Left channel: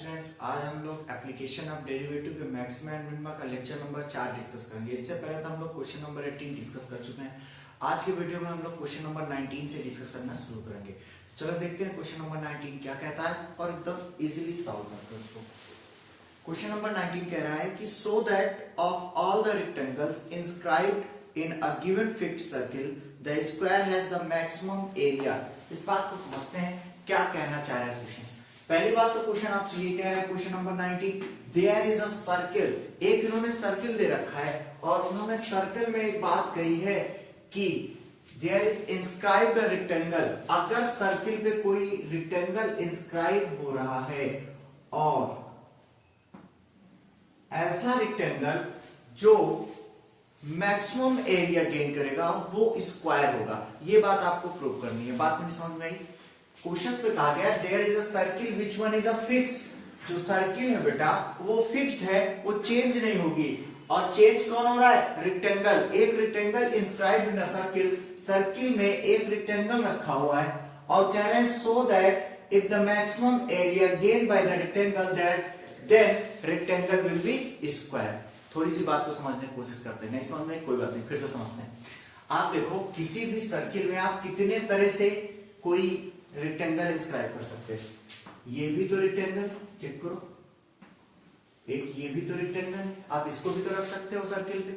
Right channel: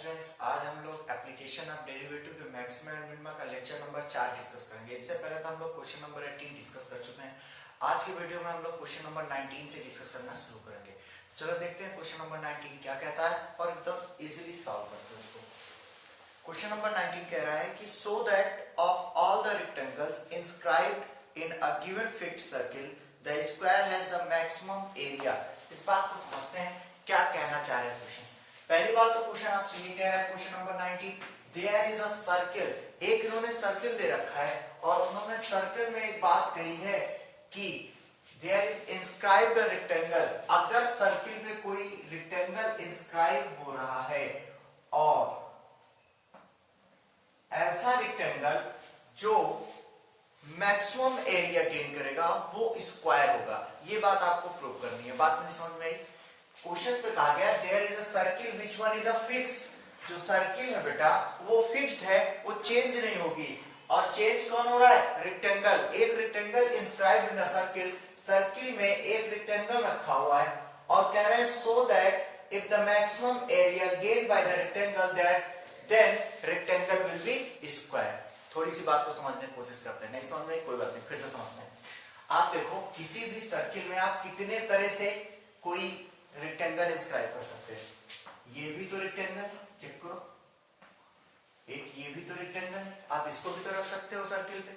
Students, आज हम लोग एप्लीकेशन ऑफ डेरिवेटिव के मैक्सिमा एंड मिनिमा का लेक्चर नंबर 4 डिस्कस करेंगे। इससे पहले तो हम लोग क्वेश्चन नंबर 18 डिस्कस कर चुके हैं। आज के वीडियो में हम लोग क्वेश्चन नंबर 19 से डिस्कस करना शुरू करेंगे। चलो देखते हैं क्वेश्चन नंबर 19 क्या कहता है और एकदम इजीली सॉल्व करते हैं उसको। क्वेश्चन नंबर 19 कह रहा है कि so that of all the rectangles inscribed in a given fixed circle the square has the maximum area. इस बात को समझते हैं क्या कहना चाह रहे हैं क्वेश्चन। पहली बात तो क्वेश्चन आपसे ये कह रहा है, question number 19, there is a circle. एक इन्होंने सर्किल दे रखा है और उन्होंने सर्किल में एक बात कही है कि there is inscribed a rectangle. अगर सर्किल पे कोई रेक्टेंगल इंस्क्राइब हो रहा है और ऐसा रेक्टेंगल जो मैक्सिमम एरिया गेन करेगा वो स्क्वायर होगा, ये बात आपको प्रूव करनी है। बात मेरी समझ में आई? क्वेश्चन पे कहा गया there is a circle which one is a fix. जो सर्किल है बेटा वो फिक्स्ड है, वो चेंज नहीं होगी। और चेंज कौन हो रहा है? रेक्टेंगल। एक rectangle inscribed in a circle, circle में एक रेक्टेंगल रखा हुआ है और कह रहे हैं so that if the maximum area gain by the rectangle that then rectangle will be square. थोड़ी सी बात को समझने की कोशिश करते हैं, नहीं समझ में कोई बात नहीं, फिर से समझते हैं। आप देखो किसी भी सर्किल में आप कितने तरह से कोई रेक्टेंगल इंस्क्राइब कर सकते हैं। ये भी तो रेक्टेंगल, चेक करो, एक ये भी तो रेक्टेंगल है, आप इसको भी तो रख सकते हो सर्किल पे।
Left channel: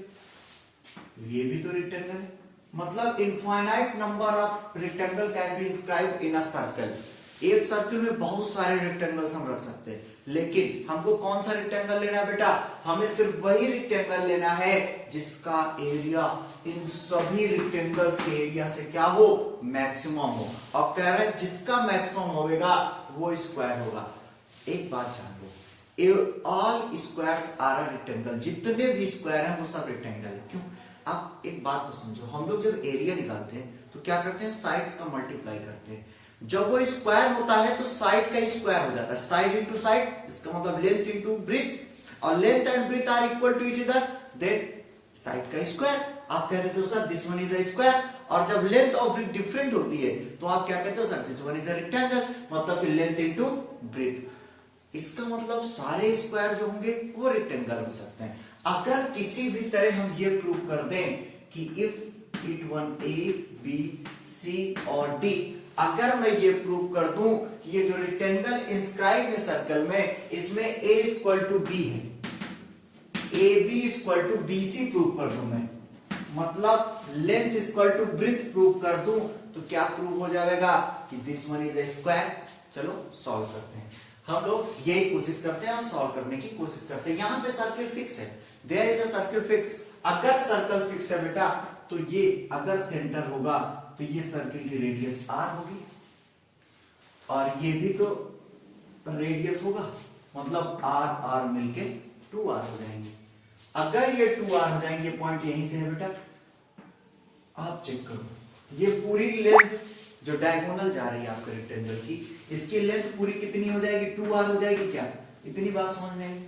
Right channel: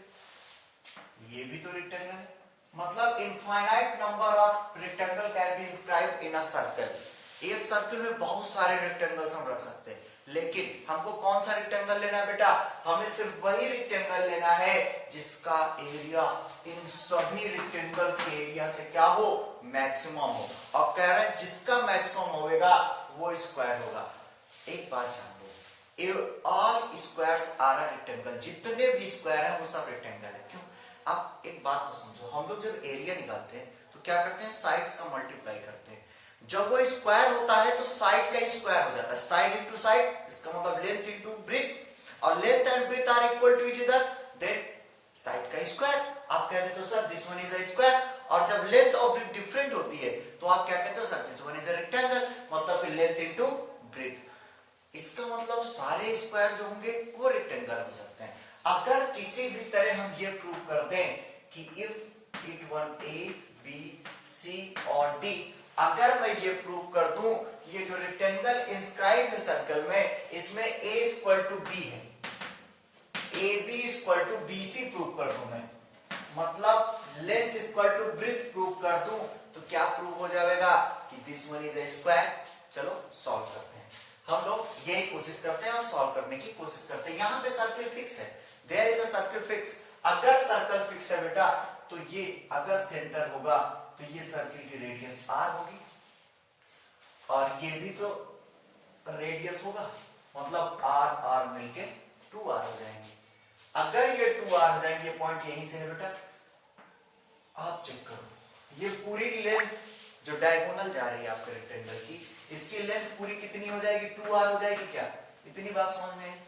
ये भी तो रेक्टेंगल है, मतलब infinite number of rectangle can be inscribed in a circle. एक सर्किल में बहुत सारे रेक्टेंगल्स हम रख सकते हैं, लेकिन हमको कौन सा रेक्टेंगल लेना है बेटा? हमें सिर्फ वही रेक्टेंगल लेना है जिसका एरिया इन सभी रेक्टेंगल्स के एरिया से क्या हो? मैक्सिमम हो। और कह रहे हैं जिसका मैक्सिमम होगा वो स्क्वायर होगा। एक बात जान लो, all squares are a rectangle. जितने भी स्क्वायर हैं वो सब रेक्टेंगल है। क्यों? आप एक बात को समझो, हम लोग जब एरिया निकालते हैं तो क्या करते हैं? साइड्स का मल्टीप्लाई करते हैं। जब वो स्क्वायर होता है तो साइड का स्क्वायर हो जाता है, साइड इंटू साइड, इसका मतलब लेंथ इंटू ब्रेथ, और length and breadth are equal to each other, then side का स्क्वायर। आप कहते हो sir this one is a square, और जब लेंथ और ब्रेथ डिफरेंट होती है तो आप क्या कहते हो? Sir this one is a rectangle, मतलब फिर लेंथ इंटू ब्रेथ। इसका मतलब सारे स्क्वायर जो होंगे वो रेक्टेंगल हो सकते हैं। अगर किसी भी तरह हम ये प्रूव कर दें कि if it one A B C और डी, अगर मैं ये प्रूव कर दूं कि ये जो रेक्टेंगल इंस्क्राइब है सर्कल में, इसमें a इक्वल टू बी है, A B equal to B C prove कर दूं मैं, मतलब length equal to breadth prove कर दूं, तो क्या प्रूव हो जाएगा कि this one is a square. चलो सॉल्व करते हैं। हम लोग यही कोशिश करते हैं और सॉल्व करने की कोशिश करते हैं। यहां पे सर्किल फिक्स है, there is a circle fix. अगर सर्कल फिक्स है बेटा तो ये अगर सेंटर होगा तो ये सर्किल की रेडियस r होगी और ये भी तो रेडियस होगा, मतलब r मिलके 2r हो जाएंगे। अगर ये 2r हो जाएंगे, पॉइंट यहीं से है बेटा, आप चेक करो, ये पूरी लेंथ जो डायगोनल जा रही है आपके रेक्टेंगल की, इसकी लेंथ पूरी कितनी हो जाएगी? 2r हो जाएगी। क्या इतनी बात समझ में?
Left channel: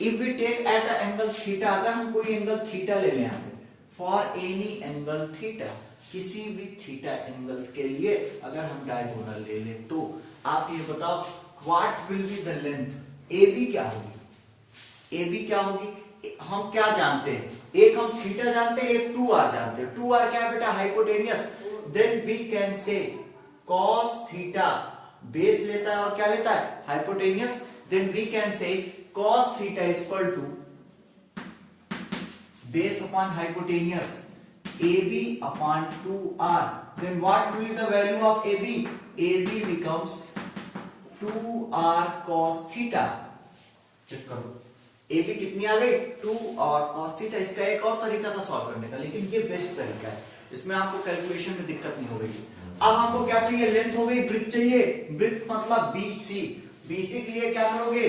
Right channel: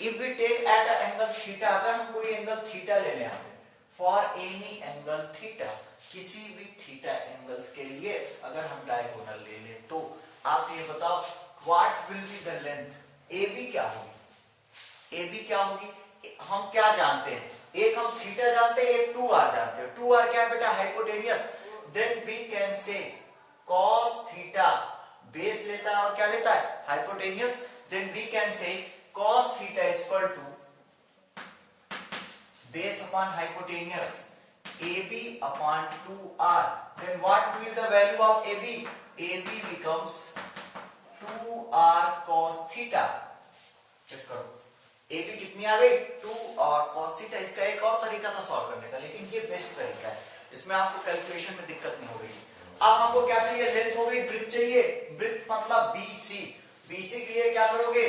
If we take at a angle theta, अगर हम कोई एंगल थीटा ले लें यहाँ पे, फॉर एनी एंगल थीटा, किसी भी थीटा एंगल्स के लिए अगर हम डायगोनल ले लें, तो आप ये बताओ what will be the length? A B क्या होगी? ए बी क्या होगी? हम क्या जानते हैं? एक हम थीटा जानते हैं, एक 2r जानते हैं। 2r क्या है बेटा? Hypotenuse. Then we can say cos theta base लेता है और क्या लेता है? Hypotenuse. Then we can say cos theta equal to base upon hypotenuse AB upon 2r. Then what will be the value of AB? AB becomes 2r cos theta. Check करो, AB कितनी आ गई? 2r cos theta। इसका एक और तरीका था solve करने का, लेकिन ये बेस्ट तरीका है, इसमें आपको कैलकुलेशन में दिक्कत नहीं हो गई। अब हमको क्या चाहिए? लेंथ हो गई, ब्रेथ चाहिए। ब्रेथ मतलब BC। BC के लिए क्या करोगे?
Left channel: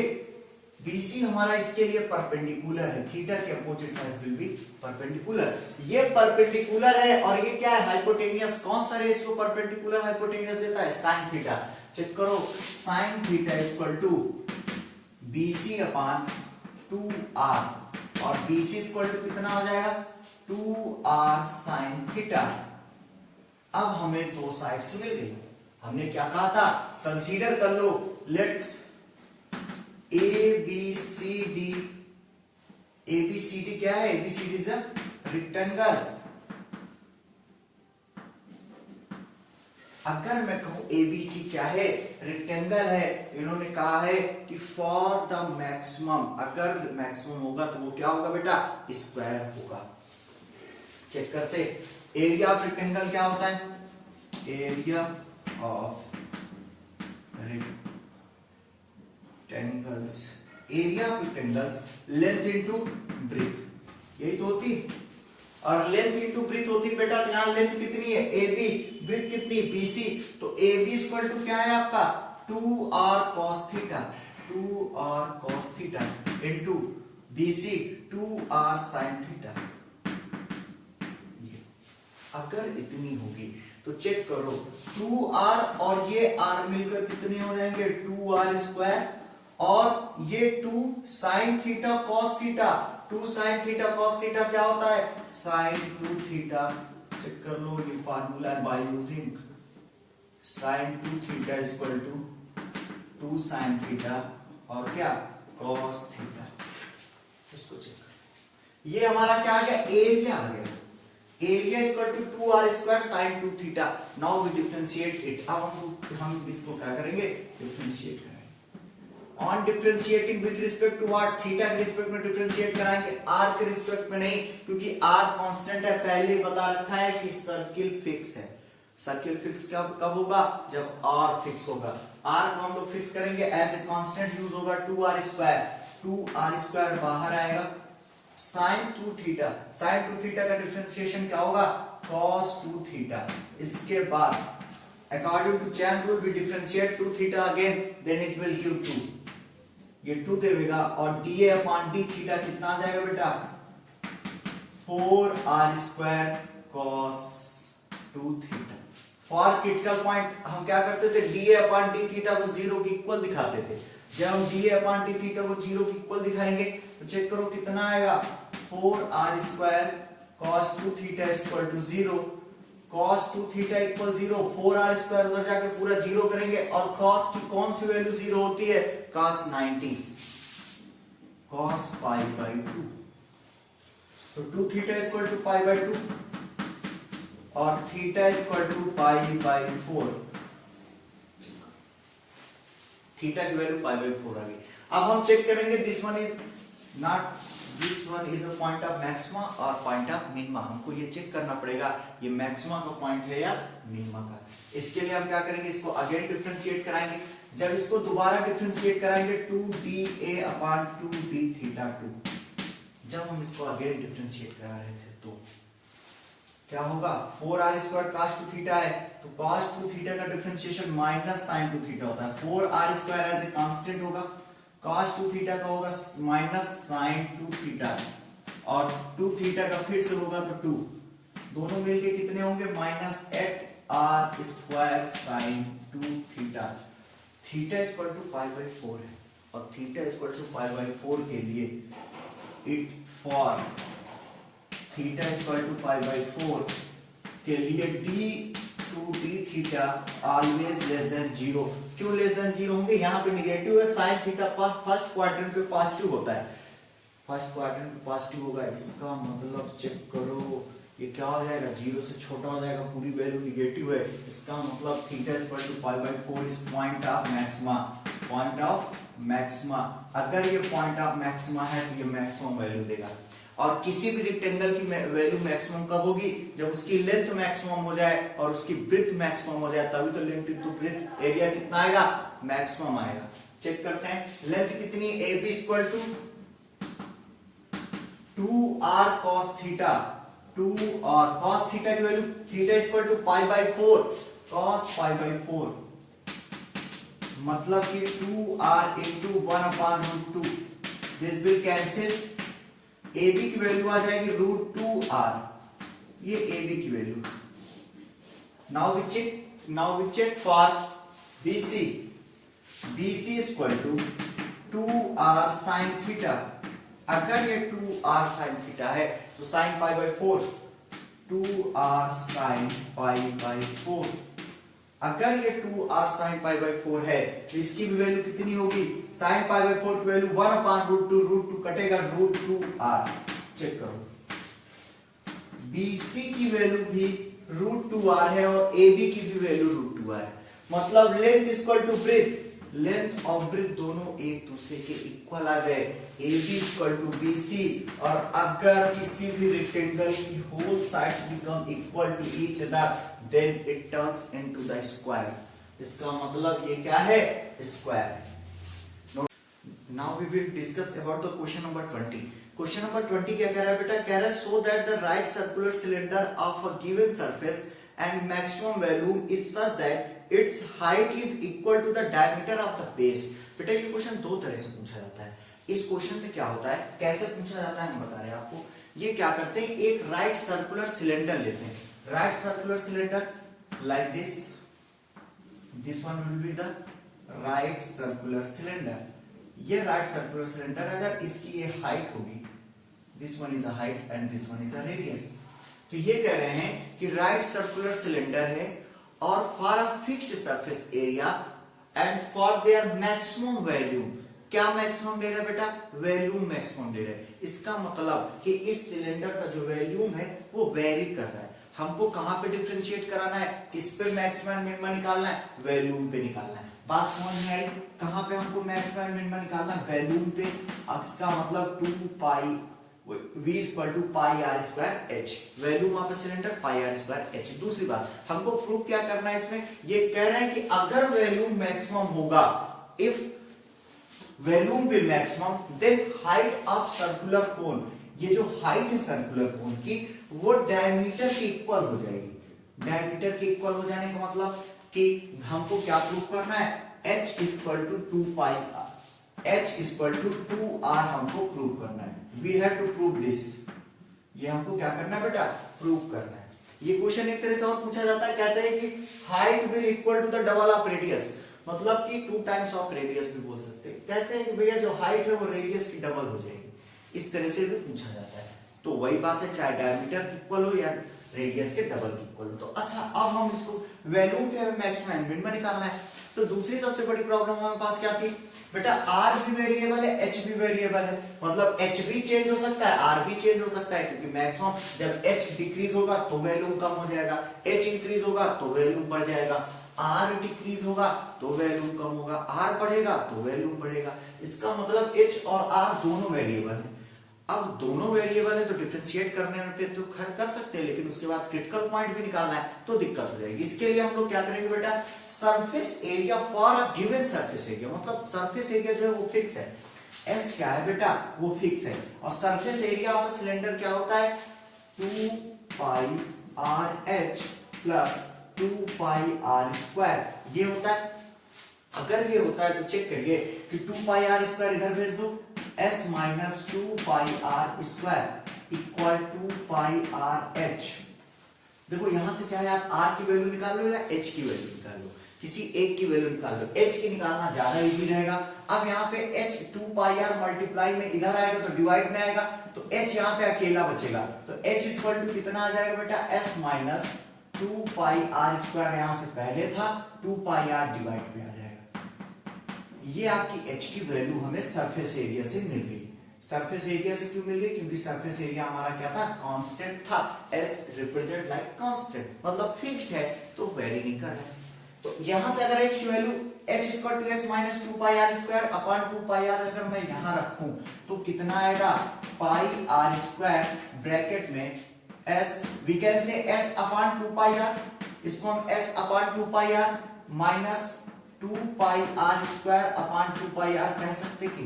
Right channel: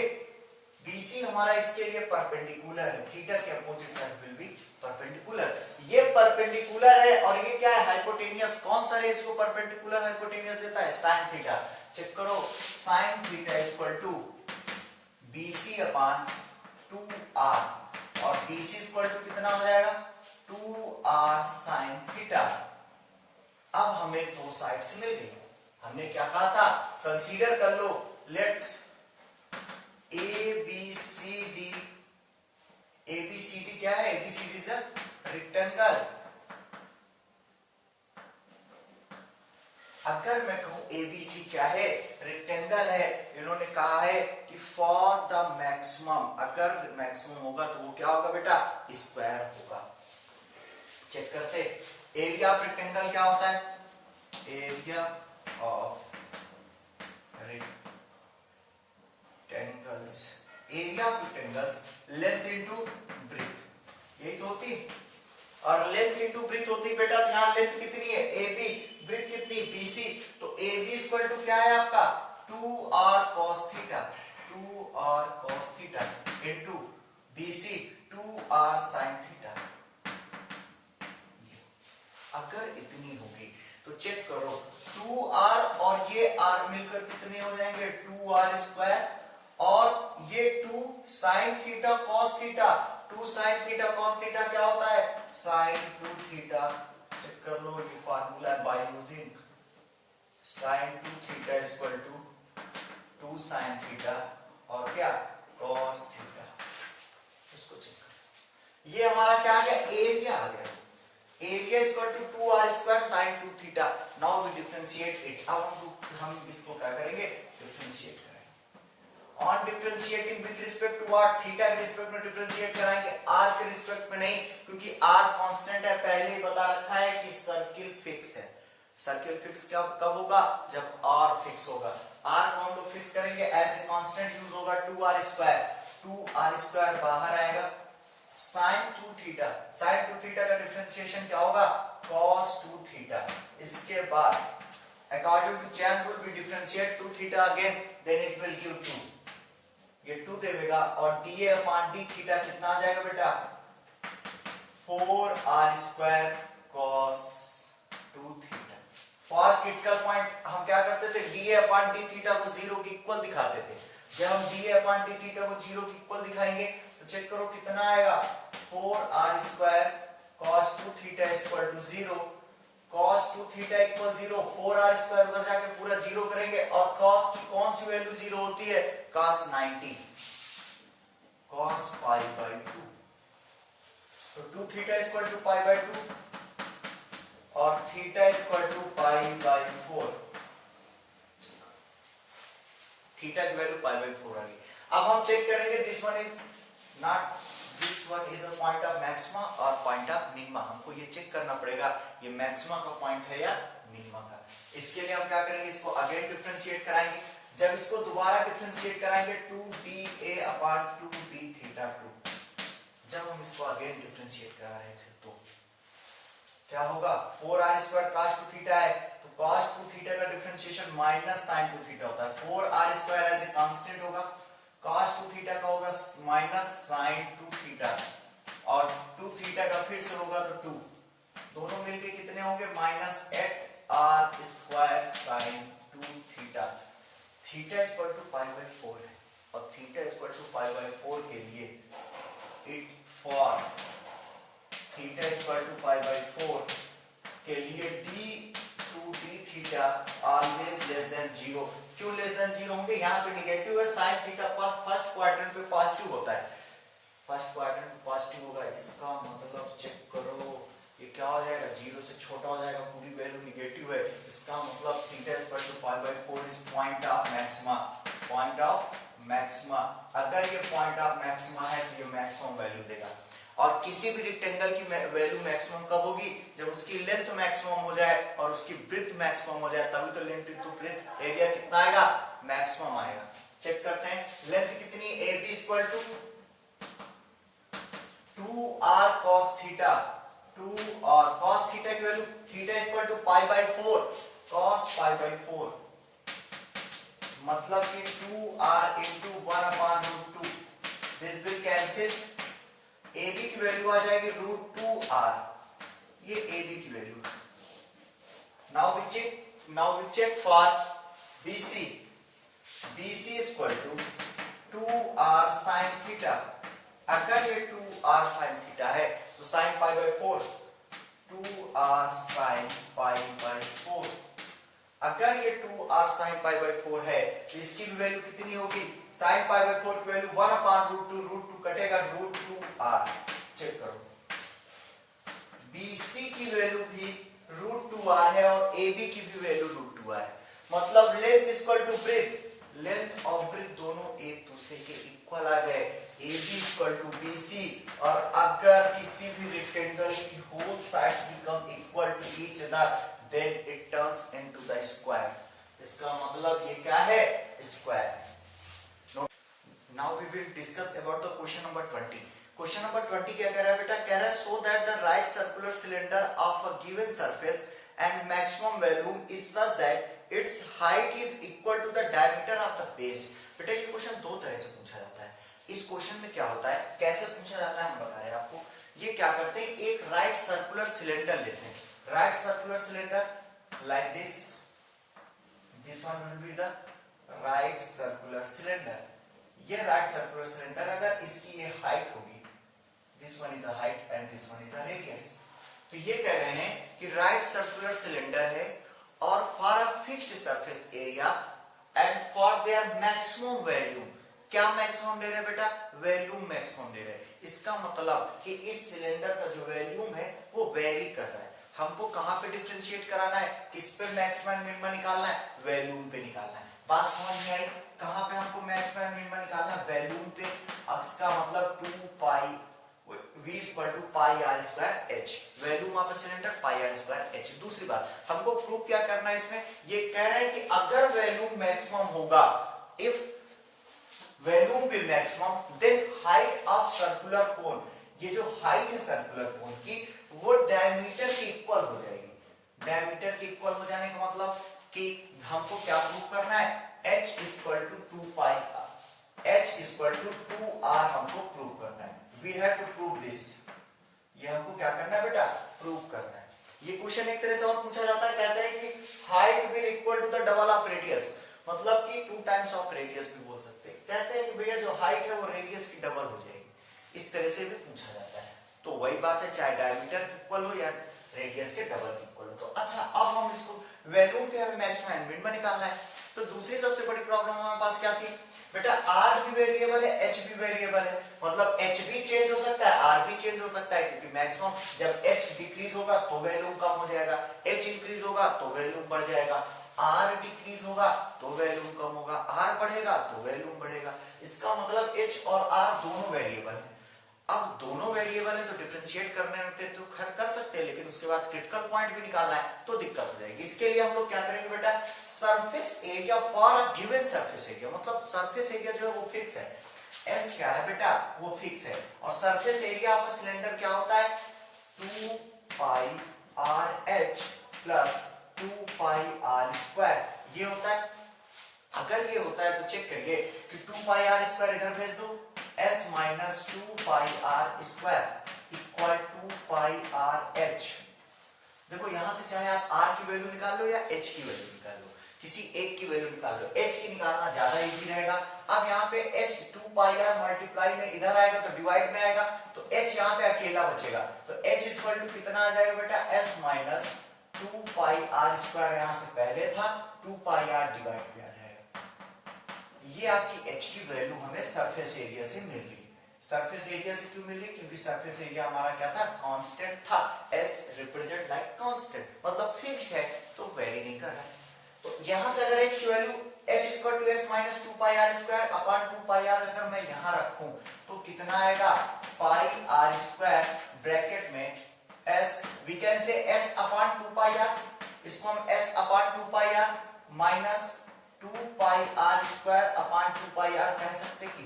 BC हमारा इसके लिए परपेंडिकुलर है, थीटा के opposite side will be perpendicular. ये परपेंडिकुलर है और ये क्या है? हाइपोटेनियस। कौन सा रेस को परपेंडिकुलर हाइपोटेनियस देता है? Sine theta. चेक करो, sine theta equal to BC upon 2r, और BC इक्वल टू कितना हो जाएगा? 2r sine theta. अब हमें दो साइड्स मिल गई। हमने क्या कहा था? कंसीडर कर लो, लेट्स एबीसीडी क्या है? ABCD is a rectangle. अगर मैं कहूं एबीसी क्या है? रेक्टेंगल है। इन्होंने कहा है कि फॉर द मैक्सिमम, अगर मैक्सिमम होगा तो वो क्या होगा बेटा? स्क्वायर होगा। चेक करते, एरिया ऑफ रेक्टेंगल क्या होता है? Area of rectangles, area of rectangles length into breadth, यही तो होती। और लेंथ इनटू ब्रेथ होती बेटा, तो यहां लेंथ कितनी है? AB, ब्रेथ कितनी? BC। तो AB इक्वल टू क्या है आपका? 2r cos theta, 2r cos theta into BC 2r sin theta. अगर इतनी होगी तो चेक करो, 2r और ये r मिलकर कितने हो जाएंगे? 2r स्क्वायर, और ये 2 sin theta cos theta, 2 sin theta cos theta क्या होता है? sin 2 theta. चेक कर लो, ये फार्मूला है by using sin 2 theta equal to 2 sin theta और क्या? cos theta. इसको चेक कर, ये हमारा क्या आ गया? एरिया आ गया। Area equal to 2r square sin 2 थीटा। Now we differentiate it. अब हम इसको क्या करेंगे? डिफरेंशिएट करेंगे। On differentiating with respect to what? Theta के रिस्पेक्ट में डिफरेंशिएट कराएंगे, आर के रिस्पेक्ट में नहीं, क्योंकि आर कांस्टेंट है। पहले ही बता रखा है कि सर्किल फिक्स है। सर्किल फिक्स कब होगा? जब आर फिक्स होगा। आर को हम लोग फिक्स करेंगे एज ए कांस्टेंट यूज होगा 2r स्क्वायर, 2r स्क्वायर बाहर आएगा sin 2 थीटा। sin 2 थीटा का डिफरेंशिएशन क्या होगा? cos 2 theta. इसके बाद according to chain rule we differentiate 2 theta again, then it will give 2, ये 2 देगा, और dA अपॉन d थीटा कितना आ जाएगा बेटा? 4r square cos 2 theta. For critical point हम क्या करते थे? dA अपॉन d थीटा को 0 के इक्वल दिखाते थे। जब हम dA अपॉन d थीटा को 0 के इक्वल दिखाएंगे तो चेक करो कितना आएगा? 4r square cos 2 theta equal to 0, cos 2 theta equal 0, 4r square उधर जाकर पूरा 0 करेंगे, और cos की कौन सी वैल्यू 0 होती है? cos 90, cos pi by 2। तो 2 theta equal to pi by 2 और theta equal to pi by 4। Theta की वैल्यू पाई बाई 4 आ गई। अब हम चेक करेंगे, this one is not, this one is a point of maxima और पॉइंट ऑफ मिनिमा। हमको ये चेक करना पड़ेगा ये मैक्सिमा का पॉइंट है या मिनिमा का। इसके लिए हम क्या करेंगे? इसको अगेन डिफरेंशिएट कराएंगे। जब इसको दोबारा डिफरेंशिएट कराएंगे 2dA अपॉन 2d थीटा 2, जब हम इसको अगेन डिफरेंशिएट करा रहे थे तो क्या होगा? 4r स्क्वायर cos 2 थीटा है, तो cos 2 थीटा का डिफरेंशिएशन माइनस sin 2 थीटा होता है। 4r square as a constant होगा, cos 2 थीटा का होगा माइनस sin 2 थीटा, और 2 थीटा का फिर से होगा तो 2, दोनों मिलके कितने होंगे? Minus 8r square sin 2 theta. Theta equal to pi by 4 है, और theta equal to pi by 4 के लिए it for theta equal to pi by 4 के लिए d theta always less than 0। क्यों लेस देन 0 होंगे? यहाँ पे निगेटिव है, साइन थीटा फर्स्ट क्वाड्रेंट पे पॉजिटिव होता है, फर्स्ट क्वाड्रेंट पे पॉजिटिव होगा। इसका मतलब चेक करो, ये क्या हो जाएगा? 0 से छोटा हो जाएगा, पूरी वैल्यू निगेटिव है। इसका मतलब theta equal to pi by 4 is point of maxima, point of maxima. अगर ये पॉइंट ऑफ मैक्सिमा है तो ये मैक्सिमम वैल्यू देगा। और किसी भी रेक्टेंगल की वैल्यू मैक्सिमम कब होगी? जब उसकी लेंथ मैक्सिमम हो जाए और उसकी ब्रेथ मैक्सिमम हो जाए, तभी तो लेंथ इनटू ब्रेथ एरिया कितना आएगा? मैक्सिमम आएगा। चेक करते हैं, लेंथ कितनी? AB equal to 2r cos theta, 2 और cos थीटा की value theta equal to pi by 4, cos pi by 4, मतलब कि 2r into 1 upon root 2, this will cancel. AB की वैल्यू आ जाएगी √2r, ये AB की value. Now we check for BC, BC equal to 2r sin theta. अगर ये 2r sin theta है तो sin pi by 4, 2r sin pi by 4। अगर ये 2r sin पाई बाई 4 है तो इसकी भी वैल्यू कितनी होगी? sin पाई बाई 4 की वैल्यू 1 अपॉन √2, √2 कटेगा √2r, चेक करो, BC की वैल्यू भी √2r है और AB की भी वैल्यू √2r है, मतलब length equal to breadth, length और ब्रेथ दोनों एक दूसरे के इक्वल आ गए, AB इक्वल टू BC। और अगर किसी भी रेक्टेंगल की whole sides become equal to each other then it turns into the square. इसका मतलब ये क्या है, square. Now we will discuss about the question number 20। Question number 20 क्या कह रहा है बेटा, कह रहा है so that the right circular cylinder of a given surface and maximum volume is such that it's height is equal to the diameter of the base. बेटा ये क्वेश्चन दो तरह से पूछा जाता है। इस क्वेश्चन में क्या होता है, कैसे पूछा जाता है हम बता रहे हैं आपको। ये क्या करते हैं, एक राइट सर्कुलर सिलेंडर लेते हैं, right circular cylinder like this one will be the right circular cylinder. ये राइट सर्कुलर सिलेंडर, अगर इसकी ये हाइट होगी, this one is a height and this one is a radius, तो ये कह रहे हैं कि राइट सर्कुलर सिलेंडर है और for a fixed surface area and for their maximum value, क्या मैक्सिमम दे रहे हैं बेटा, वैल्यूम मैक्सिमम दे रहे हैं। इसका मतलब कि इस सिलेंडर का जो वैल्यूम है वो वेरी कर रहा है। हमको कहां पे डिफरेंशिएट कराना है, किस पे मैक्सिमम मिनिमम निकालना है, वैल्यूम पे निकालना है। बात समझ में आई, कहां पे हमको मैक्सिमम मिनिमम निकालना है, वैल्यूम पे। अक्स का मतलब 2 pi v equal to pi r square h, volume of cylinder pi r square h. दूसरी बात हमको प्रूव क्या करना है इसमें, ये कह रहे हैं कि अगर वैल्यूम मैक्सिमम होगा, if volume will maximum then height of circular cone, ये जो हाइट है सर्कुलर कोन की वो डायमीटर के इक्वल हो जाएगी। डायमीटर के इक्वल हो जाने का मतलब कि हमको क्या प्रूव करना है, h equal to 2 pi r, h equal to 2r हमको प्रूव करना है। We have to prove this, ये हमको क्या करना है बेटा, प्रूव करना है। ये क्वेश्चन एक तरह से और पूछा जाता है, कहते हैं कि height will equal to the double of radius, मतलब कि 2 टाइम्स ऑफ रेडियस भी बोल सकते हैं। कहते हैं कि भैया जो हाइट है वो रेडियस की डबल हो जाएगी, इस तरह से भी पूछा जाता है। तो वही बात है, चाहे डायमीटर इक्वल हो या रेडियस के डबल इक्वल हो। तो अच्छा, अब हम इसको वैल्यू पे हमें मैक्सिमम मिनिमम निकालना है। तो दूसरी सबसे बड़ी प्रॉब्लम हमारे पास क्या थी बेटा, आर भी वेरिएबल है, एच भी वेरिएबल है, मतलब एच भी चेंज हो सकता है, आर भी चेंज हो सकता है, क्योंकि मैक्सिमम जब एच डिक्रीज होगा तो वैल्यूम कम हो जाएगा, एच इंक्रीज होगा तो वैल्यूम बढ़ जाएगा, आर डिक्रीज होगा तो वैल्यूम कम होगा, आर बढ़ेगा तो वैल्यूम बढ़ेगा। इसका मतलब एच और आर दोनों वेरिएबल है। अब दोनों वेरिएबल है तो डिफरेंशिएट करने पे तो खैर कर सकते हैं, लेकिन उसके बाद क्रिटिकल पॉइंट भी निकालना है तो दिक्कत हो जाएगी। इसके लिए हम लोग क्या करेंगे बेटा, surface area for a given surface area, मतलब सरफेस एरिया जो है वो फिक्स है, एस क्या है बेटा, वो फिक्स है। और सरफेस एरिया ऑफ सिलेंडर क्या होता है, 2 pi r h plus 2 pi r square, ये होता है। अगर ये होता है तो चेक करिए कि 2 पाई आर स्क्वायर इधर भेज दो, s minus 2 pi r square equal 2 pi r h. देखो यहां से चाहे आप r की वैल्यू निकाल लो या h की वैल्यू निकाल लो, किसी एक की वैल्यू निकाल लो, h की निकालना ज्यादा इजी रहेगा। अब यहाँ पे h 2 पाई आर मल्टीप्लाई में इधर आएगा तो डिवाइड में आएगा, तो h यहाँ पे अकेला बचेगा, तो h इक्वल टू कितना आ जाएगा बेटा, s minus 2 pi r square यहां से पहले था, 2 पाई आर डिवाइड में आ जाएगा। ये आपकी h की वैल्यू हमें सरफेस एरिया से मिल गई। सरफेस एरिया से क्यों मिल गई, क्योंकि सरफेस एरिया हमारा क्या था, कांस्टेंट था, s रिप्रेजेंट लाइक कांस्टेंट, मतलब फिक्स्ड है तो वेरी नहीं कर रहा है। तो यहां से अगर h की value h equal to s minus 2 pi r square upon 2 pi r अगर मैं यहां रखूं तो कितना आएगा, पाई आर स्क्वायर ब्रैकेट में s, we can say s upon 2 pi r, इसको हम s upon 2 pi r minus 2 pi r square upon 2 pi r कह सकते कि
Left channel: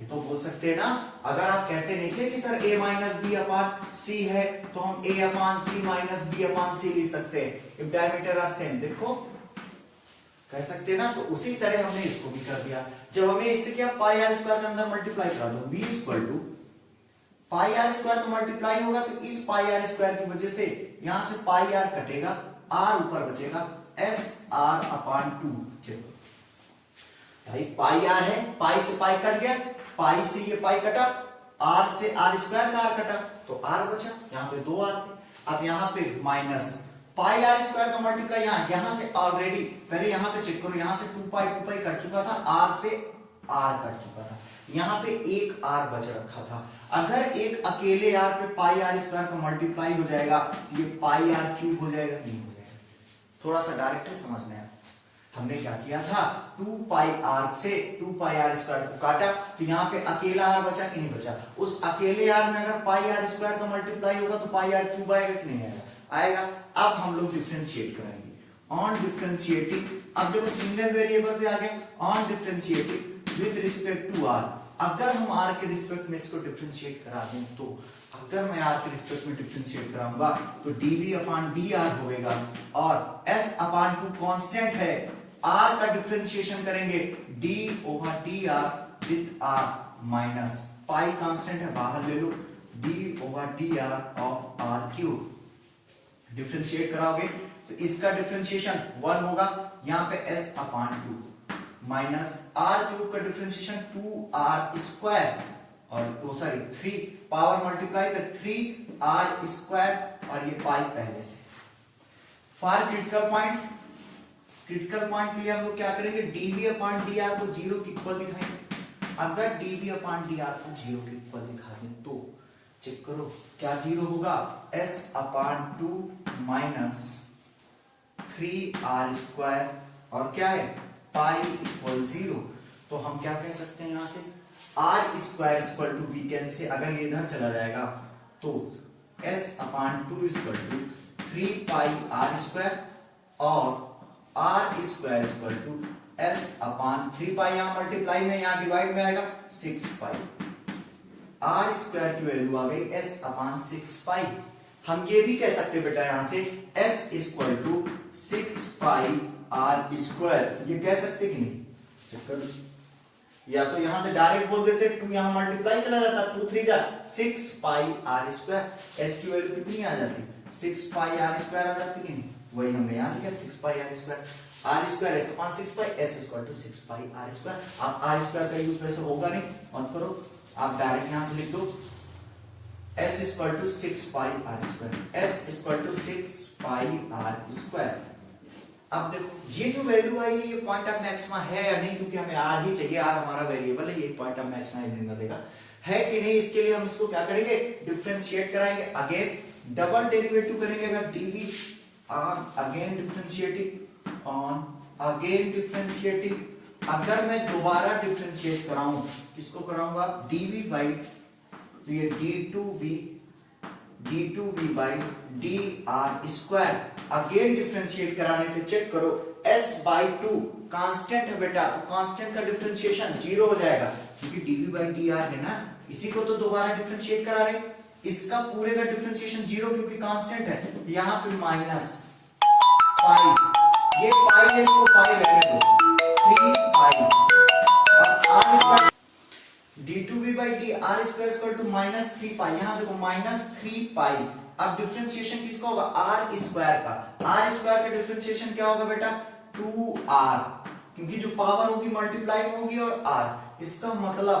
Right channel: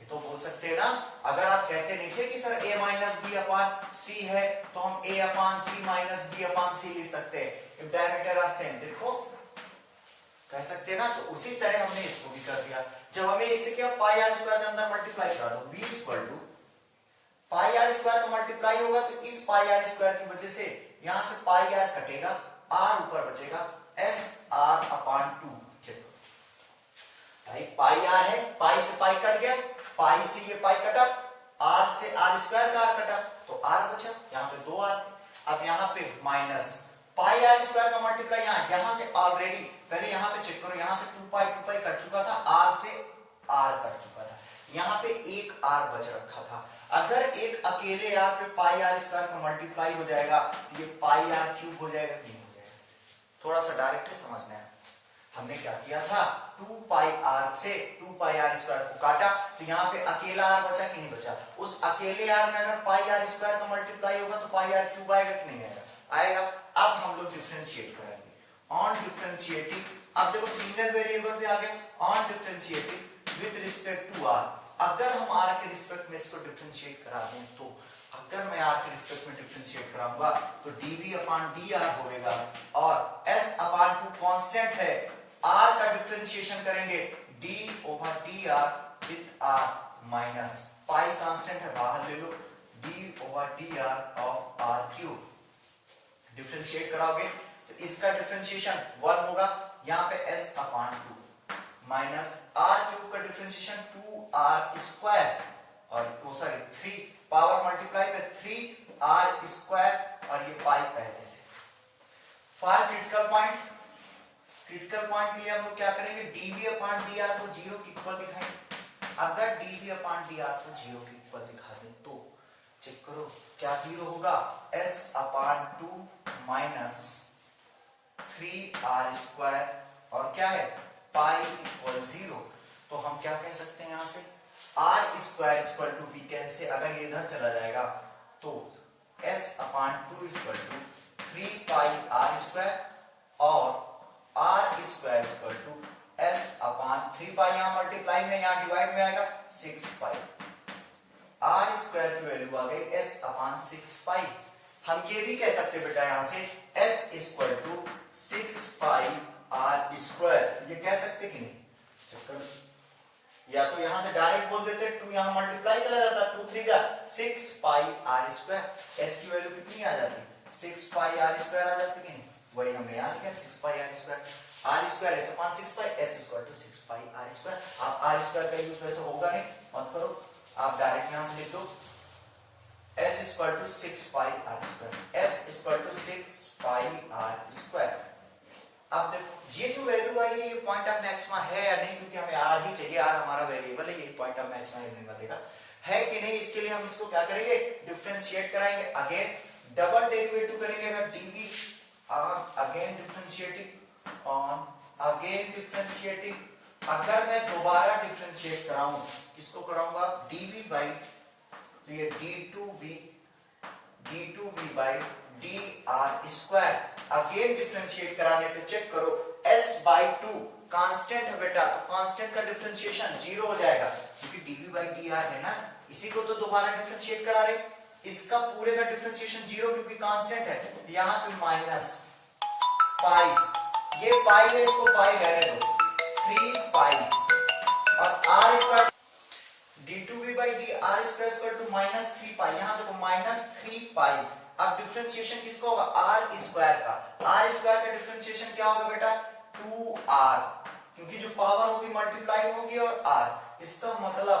ये तो बोल सकते हैं ना। अगर आप कहते नहीं थे कि sir a minus b upon c है तो हम a upon c minus b upon c लिख सकते हैं, इफ डायमीटर आर सेम, देखो कह सकते हैं ना। तो उसी तरह हमने इसको भी कर दिया। जब हमें इससे क्या पाई आर स्क्वायर के अंदर मल्टीप्लाई करा दो, b equal to pi r square तो मल्टीप्लाई होगा, तो इस पाई आर स्क्वायर की वजह से यहां से पाई आर कटेगा, आर ऊपर बचेगा, एस आर अपॉन 2। चलो भाई पाई आर है, पाई से पाई कट गया, पाई से ये पाई कटा, आर से आर स्क्वायर का आर कटा तो आर बचा, यहाँ पे 2 आर थे। अब यहाँ पे माइनस पाई आर स्क्वायर का मल्टीप्लाई यहां से ऑलरेडी, पहले यहाँ पे चेक करो, यहां से 2 पाई कट चुका था, आर से आर कट चुका था, यहाँ पे एक आर बच रखा था। अगर एक अकेले आर पे पाई आर स्क्वायर का मल्टीप्लाई हो जाएगा, ये पाई आर क्यूब हो जाएगा कि नहीं हो जाएगा? थोड़ा सा डायरेक्टली समझना है। हमने क्या किया था, 2 पाई आर से 2 पाई आर स्क्वायर को काटा, तो यहाँ पे अकेला आर बचा कि नहीं बचा? उस अकेले आर में अगर पाई आर स्क्वायर का मल्टीप्लाई होगा तो पाई आर क्यूब आएगा कि नहीं आएगा? आएगा। अब हम लोग डिफरेंशिएट करेंगे। ऑन डिफरेंशिएटिंग, अब देखो सिंगल वेरिएबल भी आ गया। On differentiating with respect to r, अगर हम आर के रिस्पेक्ट में इसको डिफरेंशिएट करा दें, तो अगर मैं आर के रिस्पेक्ट में डिफरेंशिएट कराऊंगा तो dv अपॉन dr होगा, और s अपॉन 2 कांस्टेंट है, r का डिफरेंशिएशन करेंगे d over dr with r minus pi constant है, बाहर ले लो, d over dr of r cube. Differentiate कराओगे तो इसका डिफरेंशिएशन 1 होगा, यहाँ पे s upon 2 minus r cube का डिफरेंशिएशन 2r स्क्वायर, और सॉरी 3 पावर मल्टीप्लाई पे 3r स्क्वायर, और ये पाई पहले से। For critical point, critical point के लिए हम लोग क्या करेंगे, dv अपॉन dr को 0 के इक्वल दिखाएंगे। अगर dv अपॉन dr को 0 के इक्वल दिखा दें तो चेक करो क्या 0 होगा, s upon 2 minus 3r square, और क्या है पाई इक्वल 0। तो हम क्या कह सकते हैं यहां से, r square equal to we can say, अगर ये इधर चला जाएगा तो s upon 2 equal to 3 pi r square, और r square equal to s upon 3 pi, यहां मल्टीप्लाई में यहां डिवाइड में आएगा 6 पाई, आर स्क्वायर की वैल्यू आ गई s अपॉन 6 पाई। हम ये भी कह सकते बेटा यहां से s equal to 6 pi r square, ये कह सकते कि नहीं? चक्कर, या तो यहां से डायरेक्ट बोल देते, 2 यहां मल्टीप्लाई चला जाता, 2 3 जा 6 पाई आर स्क्वायर, s की वैल्यू कितनी आ जाती, 6 पाई आर स्क्वायर आ जाती कि नहीं? वही हमने यहां लिखा 6 pi r square, r square s upon 6 pi, s equal to 6 pi r square. आप आर स्क्वायर का यूज वैसे होगा नहीं, और करो आप डायरेक्ट यहां से लिख दो s equal to 6 pi r square, s equal to 6 pi r square. अब देखो ये जो वैल्यू आई है ये पॉइंट ऑफ मैक्सिमा है या नहीं, क्योंकि हमें आर ही चाहिए, आर हमारा वेरिएबल है, ये पॉइंट ऑफ मैक्सिमा इवनिंग मिलेगा है कि नहीं। इसके लिए हम इसको क्या करेंगे, डिफरेंशिएट कराएंगे, अगेन डबल डेरिवेटिव करेंगे। अगर dv again differentiating on again differentiating, अगर मैं दोबारा डिफरेंशिएट कराऊं, किसको कराऊंगा, dv बाई, तो ये d2v by dr square, again differentiate कराने पे चेक करो s बाई 2 कांस्टेंट है बेटा, तो कांस्टेंट का डिफरेंशिएशन 0 हो जाएगा, क्योंकि dv बाई dr है ना, इसी को तो दोबारा डिफरेंशिएट करा रहे, इसका पूरे का डिफरेंशिएशन 0 क्योंकि कांस्टेंट है, यहाँ पे माइनस पाई, ये पाई है, इसको पाई रहने दो, 3 पाई, और r square d2v by dr square equal to minus 3 pi, यहां देखो माइनस 3 पाई। अब डिफरेंशिएशन किसका होगा, r स्क्वायर का, r स्क्वायर का डिफरेंशिएशन क्या होगा बेटा, 2r, क्योंकि जो पावर होगी मल्टीप्लाई होगी और r, इसका मतलब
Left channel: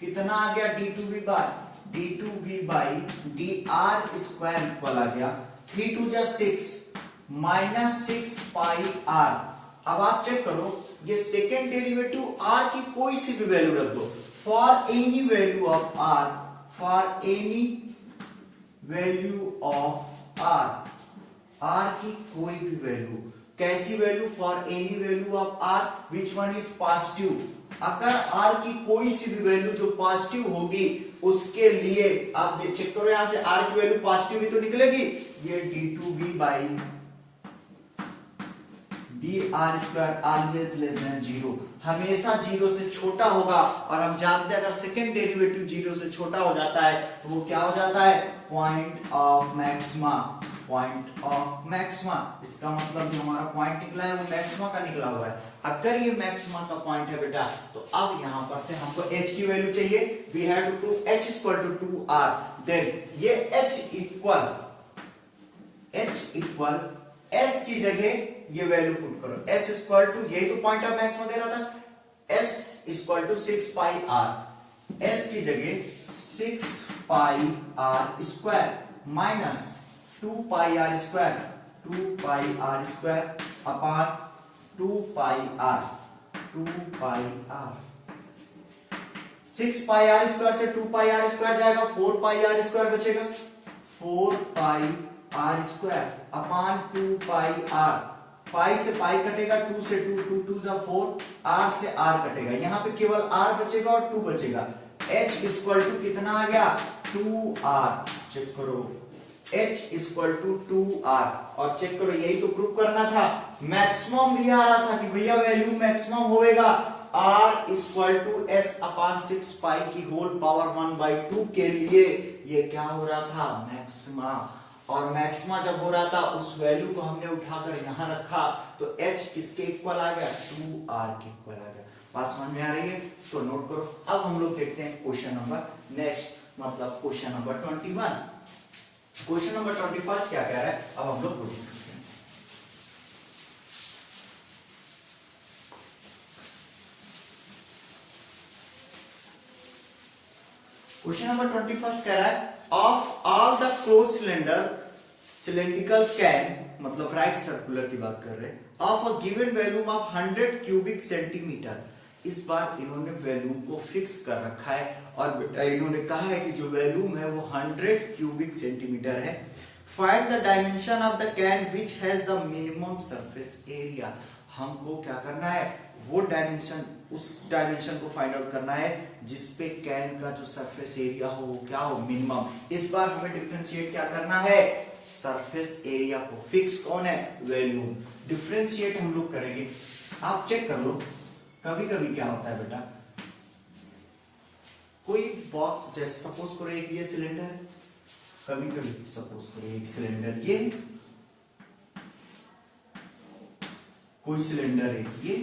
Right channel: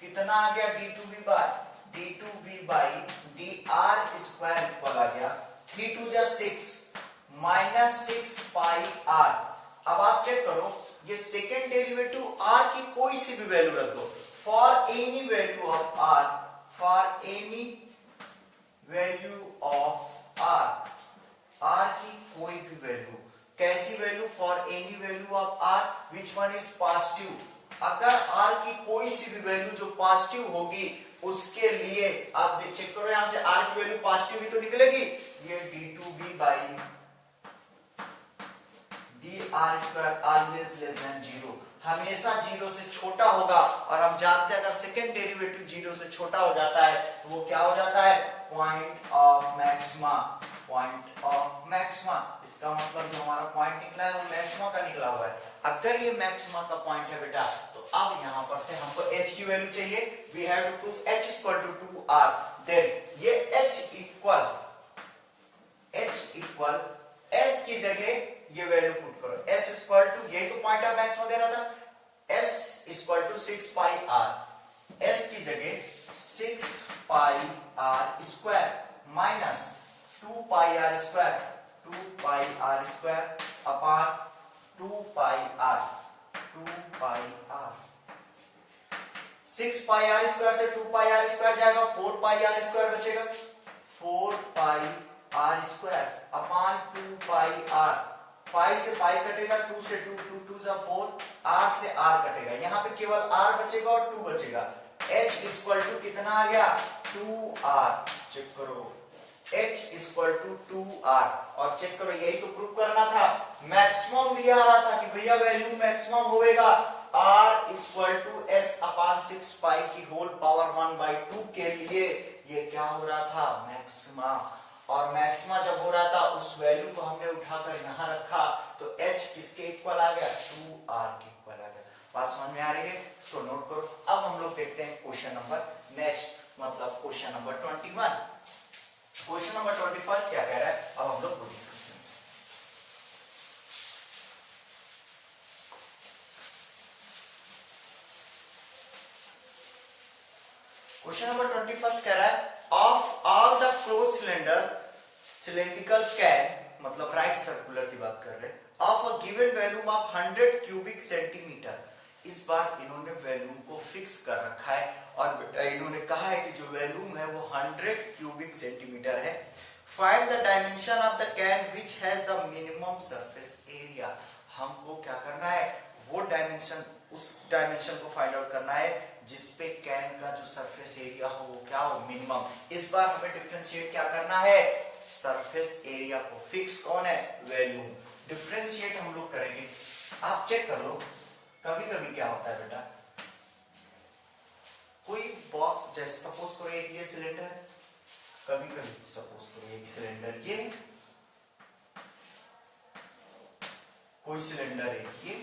कितना आ गया, d2v by dr square equal आ गया 3 2 जा 6 माइनस 6 पाई r। अब आप चेक करो ये सेकेंड डेरिवेटिव r की कोई सी भी वैल्यू रख दो, for any value of r, for any value of r की कोई भी वैल्यू, कैसी value, for any value of r which one is positive, अगर r की कोई सी भी वैल्यू जो पॉजिटिव होगी उसके लिए आप चेक करो, यहां से r की वैल्यू पॉजिटिव ही तो निकलेगी, ये d2v by dr square always less than 0, हमेशा 0 से छोटा होगा, और हम जानते हैं अगर सेकेंड डेरिवेटिव 0 से छोटा हो जाता है तो वो क्या हो जाता है, point of maxima, point of maxima. इसका मतलब जो हमारा पॉइंट निकला है वो मैक्सिमा का निकला हुआ है। अगर ये मैक्सिमा का पॉइंट है बेटा, तो अब यहां पर से हमको h की वैल्यू चाहिए, we have to prove h equal to 2r, then ये h इक्वल s की जगह ये वैल्यू पुट करो, s इक्वल टू, यही तो पॉइंट ऑफ मैक्सिमा दे रहा था, s equal to 6 pi r, s की जगह 6 pi r square minus 2 pi r square, 2 pi r square upon 2 pi r, 2 pi r, 6 pi r square से 2 pi r square जाएगा, 4 pi r square बचेगा, 4 pi r square upon 2 pi r, pi से pi कटेगा, 2 से 2, 2 2 जा 4, are से are कटेगा, यहाँ पे केवल आर बचेगा और 2 बचेगा। h इक्वल टू कितना आ गया 2r, चेक करो h इक्वल टू 2r, और चेक करो यही तो प्रूव करना था, मैक्सिमम भी आ रहा था कि भैया वैल्यू मैक्सिमम होगा r इक्वल टू s अपान 6 पाई की होल पावर 1/2 के लिए ये क्या हो रहा था मैक्सिमा, और मैक्सिमा जब हो रहा था उस वैल्यू को हमने उठाकर यहां रखा तो h किसके इक्वल आ गया 2r के इक्वल आ गया। बात समझ में आ रही है, इसको नोट करो। अब हम लोग देखते हैं क्वेश्चन नंबर नेक्स्ट, मतलब क्वेश्चन नंबर 21। क्वेश्चन नंबर 21 क्या कह रहा है, अब हम लोग वो डिस्कस करेंगे। क्वेश्चन नंबर 21 कह रहा है of all the close cylindrical can, मतलब राइट सर्कुलर की बात कर रहे हैं, of a given volume of 100 cubic centimetre. इस बार इन्होंने वॉल्यूम को फिक्स कर रखा है और इन्होंने कहा है कि जो वॉल्यूम है वो 100 क्यूबिक सेंटीमीटर है। Find the dimension of the can which has the minimum surface area. हमको क्या करना है, वो डायमेंशन, उस डायमेंशन को फाइंड आउट करना है जिसपे कैन का जो सरफेस एरिया हो वो क्या हो मिनिमम। इस बार हमें डिफरेंशिएट क्या करना है, सरफेस एरिया को, फिक्स कौन है वॉल्यूम, डिफरेंशिएट हम लोग करेंगे। आप चेक कर लो, कभी कभी क्या होता है बेटा, कोई बॉक्स जैसे सपोज करो एक ये सिलेंडर है, कभी कभी सपोज करो एक सिलेंडर ये, कोई सिलेंडर है ये,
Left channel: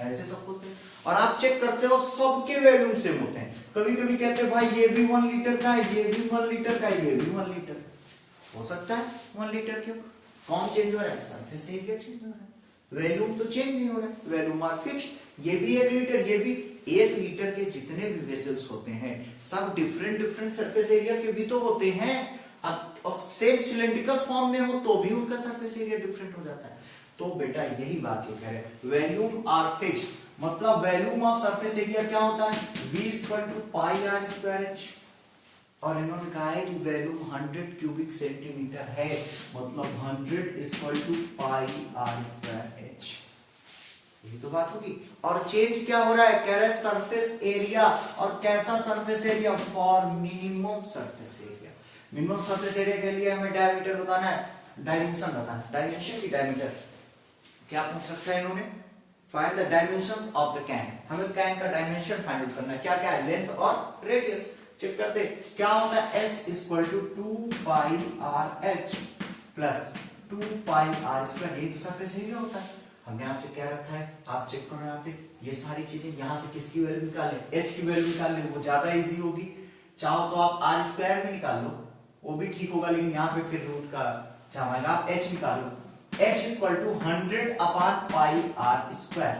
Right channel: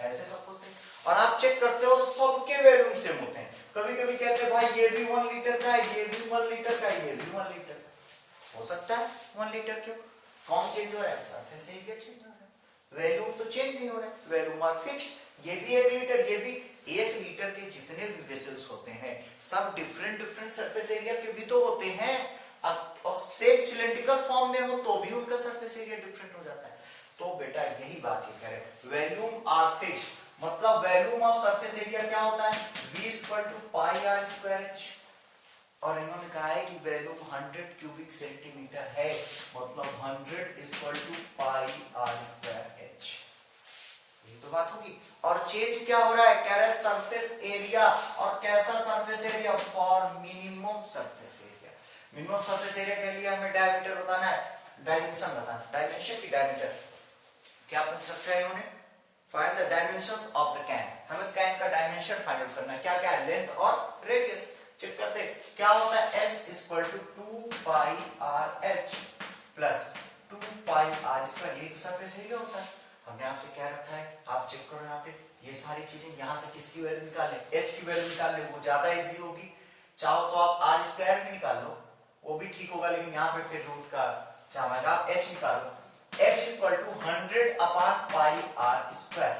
ऐसे सपोज है, और आप चेक करते हो सबके वैल्यूम सेम होते हैं। कभी कभी कहते हैं भाई ये भी 1 लीटर का है, ये भी 1 लीटर का है, ये भी 1 लीटर का हो सकता है 1 लीटर। क्यों, कौन चेंज हो रहा है, सरफेस एरिया चेंज हो रहा है, वैल्यूम तो चेंज नहीं हो रहा है, वैल्यूम आर फिक्स्ड। ये भी 1 लीटर, ये भी 1 लीटर के जितने भी वेसल्स होते हैं सब डिफरेंट डिफरेंट सरफेस एरिया के भी तो होते हैं, और सेम सिलेंड्रिकल फॉर्म में हो तो भी उनका सरफेस एरिया डिफरेंट हो जाता है। तो बेटा यही बात ये कह रहे हैं, वैल्यूम आर फिक्स्ड, मतलब वैल्यूम ऑफ सरफेस एरिया क्या होता है v equal to pi r square h, और इन्होंने कहा है कि वैल्यूम 100 क्यूबिक सेंटीमीटर है, मतलब 100 equal to pi r square h, ये तो बात होगी। और चेंज क्या हो रहा है, कह रहे हैं सरफेस एरिया, और कैसा surface area, for minimum surface area. Minimum surface area के लिए हमें डायमीटर बताना है, डायमेंशन बताना है, डायमेंशन की डायमीटर क्या पूछ सकता है इन्होंने, find the dimensions of the can, हमें कैन का डायमेंशन फाइंड आउट करना है, क्या क्या है, लेंथ और रेडियस। चेक करते क्या होता है, s equal to 2 pi r h plus 2 pi r square, ये तो सरफेस एरिया होता है। हमने आपसे क्या रखा है, आप चेक करो यहाँ पे, ये सारी चीजें यहाँ से किसकी वैल्यू निकाल ले, h की वैल्यू निकाल ले, वो ज्यादा इजी होगी। चाहो तो आप आर स्क्वायर में निकाल लो, वो भी ठीक होगा, लेकिन यहाँ पे फिर रूट का चाहेगा, h निकालो, h equal to 100 upon pi r square,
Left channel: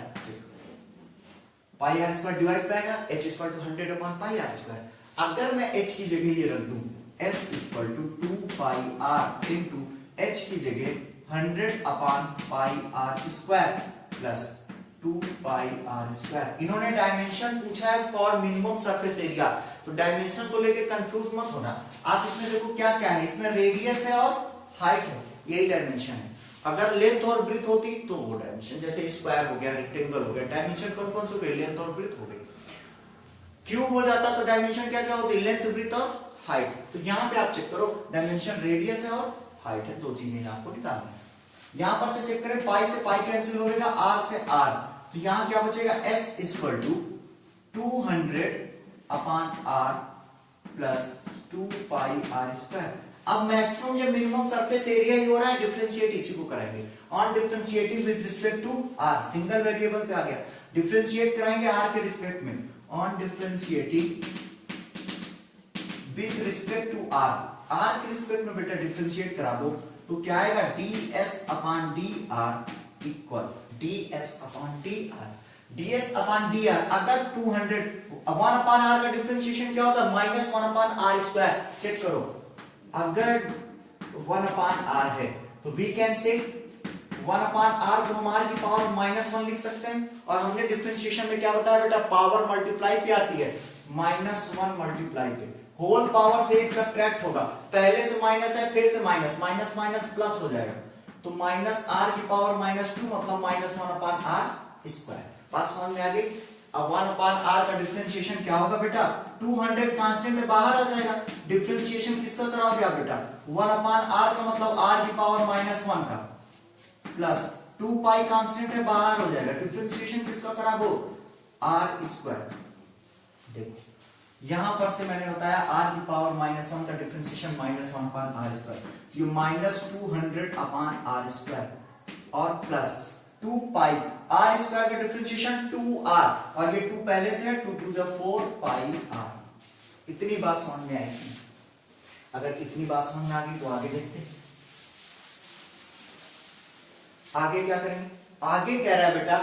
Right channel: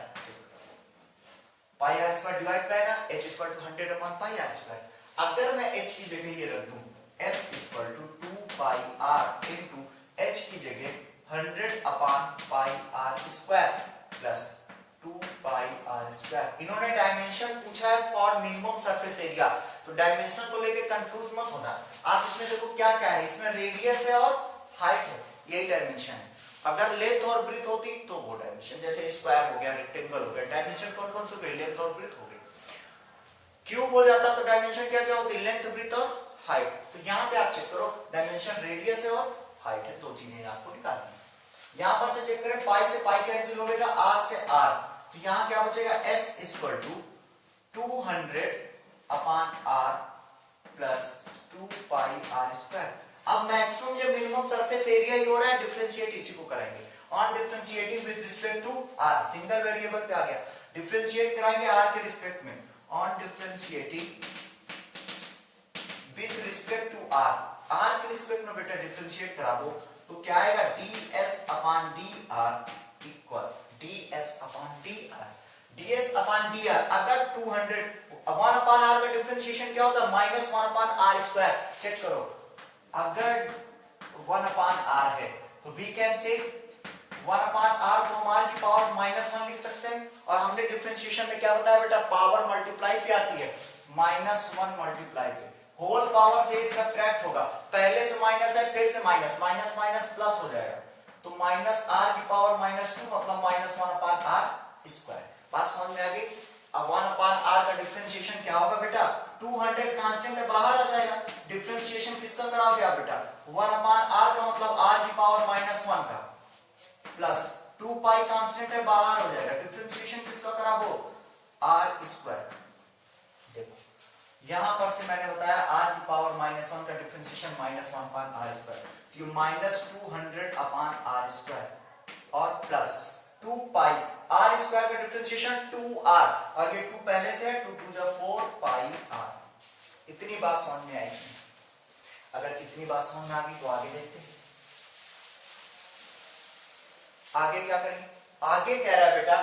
pi r square divide पाएगा, h equal to 100 upon pi r square. अगर मैं h की जगह ये रख दूं, s equal to 2 pi r into h की जगह 100 upon pi r square plus 2 pi r square. इन्होंने डायमेंशन पूछा है फॉर मिनिमम सरफेस एरिया, तो डायमेंशन को लेके कंफ्यूज मत होना। आप इसमें देखो क्या क्या है, इसमें रेडियस है और हाइट है, यही डायमेंशन है। अगर लेंथ और ब्रीथ होती तो वो डायमेंशन, जैसे स्क्वायर हो गया, रेक्टेंगल हो गया, डायमेंशन कौन कौन से हो गए, लेंथ और ब्रीथ हो गई। क्यूब हो जाता तो डायमेंशन क्या क्या होती, लेंथ ब्रीथ और हाइट। तो यहाँ पे आप चेक करो, डायमेंशन रेडियस है और हाइट है, दो चीजें आपको निकालनी है। यहां पर से चेक करें, पाई से पाई कैंसिल हो जाएगा, आर से आर, तो यहां क्या बचेगा, s equal to 200 upon r plus 2 pi r square. अब मैक्सिमम या मिनिमम सरफेस एरिया ही हो रहा है, डिफरेंशिएट इसी को कराएंगे, on differentiating with respect to r, single variable पे आ गया, डिफरेंशिएट कराएंगे आर के रिस्पेक्ट में, on differentiating with respect to r, r के रिस्पेक्ट में बेटा डिफरेंशिएट करा दो, तो क्या आएगा, ds upon dr equal ds upon dr, ds upon dr। अगर 200 1 अपॉन r का डिफरेंशिएशन क्या होता है, minus 1 upon r square. Check करो, अगर 1 अपॉन r है तो we can say 1 upon r को हम आर की पावर -1 लिख सकते हैं, और हमने डिफरेंशिएशन में क्या बताया बेटा, पावर मल्टीप्लाई पे आती है, -1 मल्टीप्लाई पे होल पावर से एक सब्ट्रैक्ट होगा, पहले से माइनस है फिर से माइनस, माइनस माइनस प्लस हो जाएगा, तो माइनस आर की पावर -2 मतलब -1 अपान आर स्क्वायर। बात समझ में आ गई। अब 1 अपान आर का डिफरेंशिएशन क्या होगा बेटा, 200 कांस्टेंट में बाहर आ जाएगा, डिफरेंशिएशन किसका कराओगे आप बेटा, 1 अपान आर का मतलब आर की पावर -1 का प्लस 2 पाई कांस्टेंट में बाहर हो जाएगा, डिफरेंशिएशन किसका कराओ, आर स्क्वायर। देखो यहां पर से मैंने बताया आर की पावर -1 का डिफरेंशिएशन -1 अपान आर स्क्वायर, तो ये -200 अपान आर स्क्वायर और प्लस 2 पाई आर स्क्वायर का डिफरेंशिएशन 2r, और ये 2 पहले से है, 2 2 जा 4 पाई r। इतनी बात समझ में आएगी। अगर इतनी बात समझ में आ गई तो आगे देखते हैं, आगे क्या करेंगे। आगे कह रहा है बेटा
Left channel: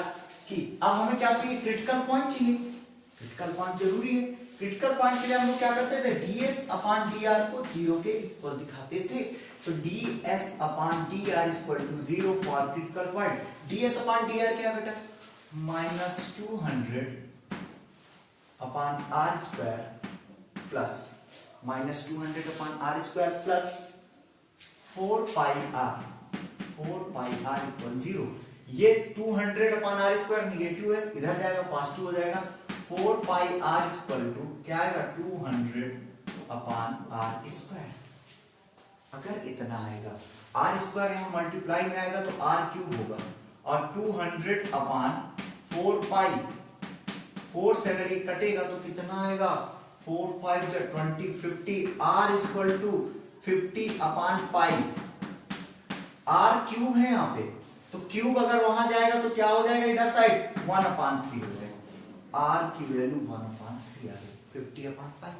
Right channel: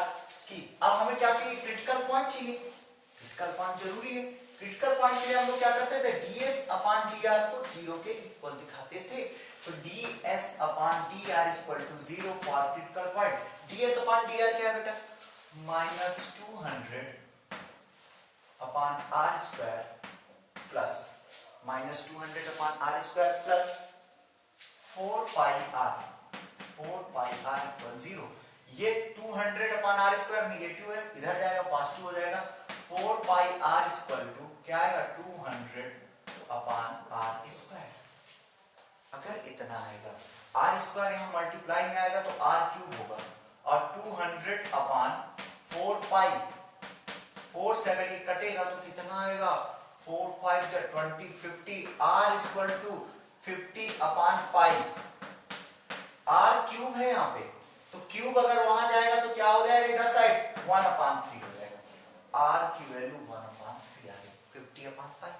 कि अब हमें क्या चाहिए, क्रिटिकल पॉइंट चाहिए। क्रिटिकल पॉइंट जरूरी है। क्रिटिकल पॉइंट के लिए हम लोग क्या करते थे, ds अपान dr को 0 के इक्वल दिखाते थे, तो ds upon dr equal to 0 for critical point. ds upon dr क्या है बेटा, -200 upon r square plus -200 upon r square plus 4 pi r equal 0। ये 200 अपान r स्क्वायर निगेटिव है, इधर जाएगा पॉजिटिव हो जाएगा, 4 पाई r इक्वल टू क्या आएगा, 200 अपान r स्क्वायर। अगर इतना आएगा, r स्क्वायर यहां मल्टीप्लाई में आएगा तो r क्यूब होगा, और 200 अपान 4 पाई, 4 से अगर ये कटेगा तो कितना आएगा, 4 5 जा 20 50, r equal to 50 upon pi, r cube है यहाँ पे, तो क्यूब अगर वहां जाएगा तो क्या हो जाएगा, इधर साइड 1 अपान 3 हो जाएगा, r की वैल्यू 1 अपान 3 आ गई, 50 अपान पाई।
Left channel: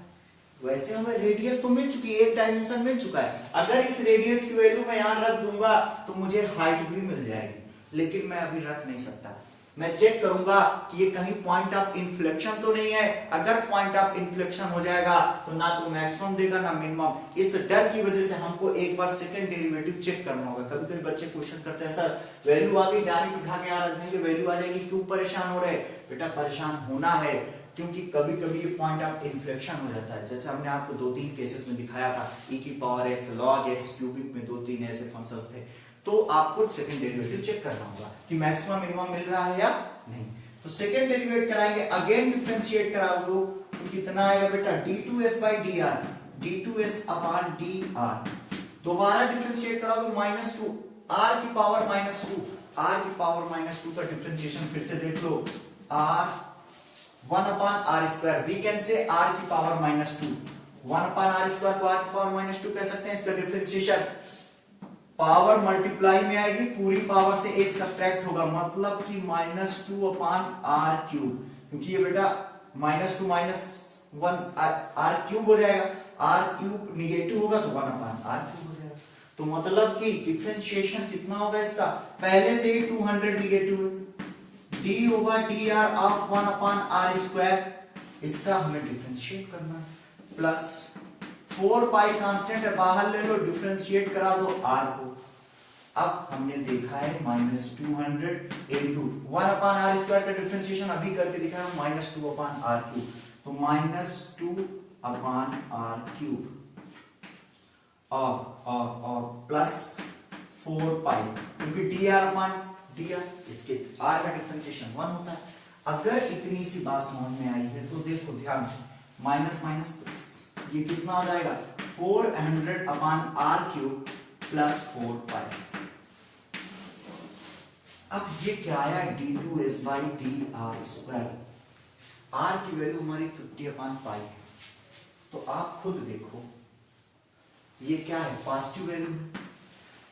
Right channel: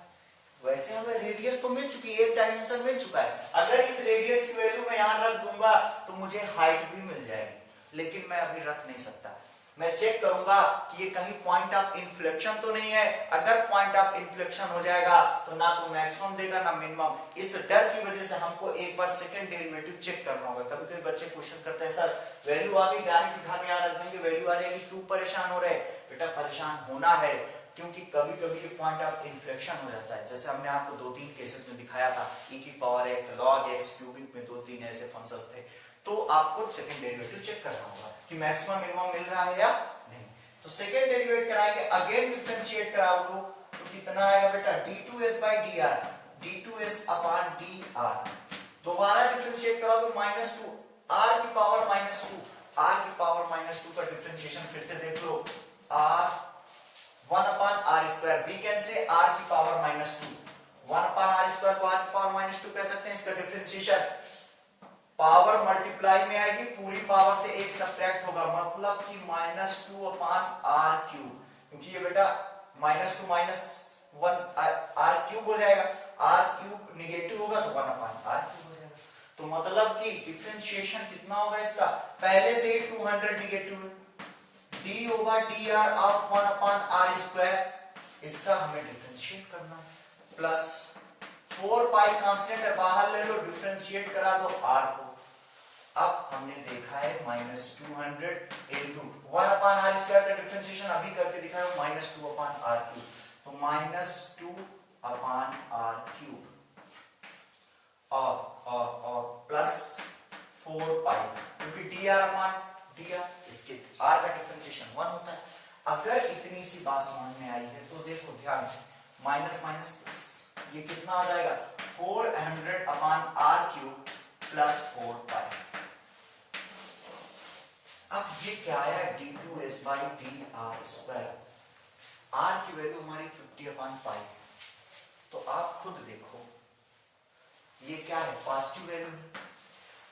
वैसे हमें रेडियस तो मिल चुकी है, एक डायमेंशन मिल चुका है, अगर इस रेडियस की वैल्यू मैं यहां रख दूंगा तो मुझे हाइट भी मिल जाएगी, लेकिन मैं अभी रख नहीं सकता। मैं चेक करूंगा कि ये कहीं पॉइंट ऑफ इन्फ्लेक्शन तो नहीं है, अगर पॉइंट ऑफ इन्फ्लेक्शन हो जाएगा तो ना तो मैक्सिमम देगा ना मिनिमम। इस डर की वजह से हमको एक बार सेकंड डेरिवेटिव चेक करना होगा। कभी कभी बच्चे क्वेश्चन करते हैं, सर वैल्यू आ गई, डायरेक्ट उठा के यहाँ रख देंगे, वैल्यू आ जाएगी, क्यों परेशान हो रहे। बेटा परेशान होना है, क्योंकि कभी कभी ये पॉइंट ऑफ इन्फ्लेक्शन हो जाता है। जैसे हमने आपको 2-3 केसेस में दिखाया था, e की power x log x cubic में 2-3 ऐसे फंक्शंस थे, तो आपको सेकंड डेरिवेटिव चेक करना होगा कि मैक्सिमम मिनिमम मिल रहा है या नहीं। तो सेकंड डेरिवेट कराएंगे, अगेन डिफरेंशिएट कराओगे तो कितना आएगा बेटा, d2s by dr, d2s upon dr। दोबारा डिफरेंशिएट कराओगे -2 r की पावर -2, r की पावर -2 का डिफरेंशिएशन फिर से देख लो, r 1 upon r square, we can say r की पावर -2, 1 अपान r स्क्वायर को r की पावर -2 कह सकते हैं। इसका डिफरेंशिएशन पावर मल्टीप्लाई में आएगी, पूरी पावर से एक सब्ट्रैक्ट होगा, मतलब कि -2 अपान r क्यूब, क्योंकि ये बेटा -2 -1 r क्यूब हो जाएगा, r क्यूब निगेटिव होगा तो 1 अपान r क्यूब हो जाएगा। तो मतलब कि डिफरेंशिएशन कितना होगा इसका, पहले से ही 200 निगेटिव है, d होगा dr of 1 upon r square, इसका हमें डिफरेंशिएट करना है, प्लस 4 पाई कांस्टेंट है, बाहर ले लो, डिफरेंशिएट करा दो r को। अब हमने देखा है -200 इंटू 1 अपान r स्क्वायर का डिफरेंशिएशन अभी करके दिखाया, -2 अपान r क्यूब, तो -2 अपान r क्यूब और प्लस 4 पाई, क्योंकि dr अपान dr, इसके r का डिफरेंशिएशन 1 होता है। अगर इतनी सी बात समझ में आई है तो देखो ध्यान से, माइनस माइनस प्लस, ये कितना हो जाएगा, 400 अपान r क्यूब प्लस 4 पाई। अब ये क्या आया, d2s by dr square, r की वैल्यू हमारी 50 अपान पाई, तो आप खुद देखो ये क्या है, पॉजिटिव वैल्यू है।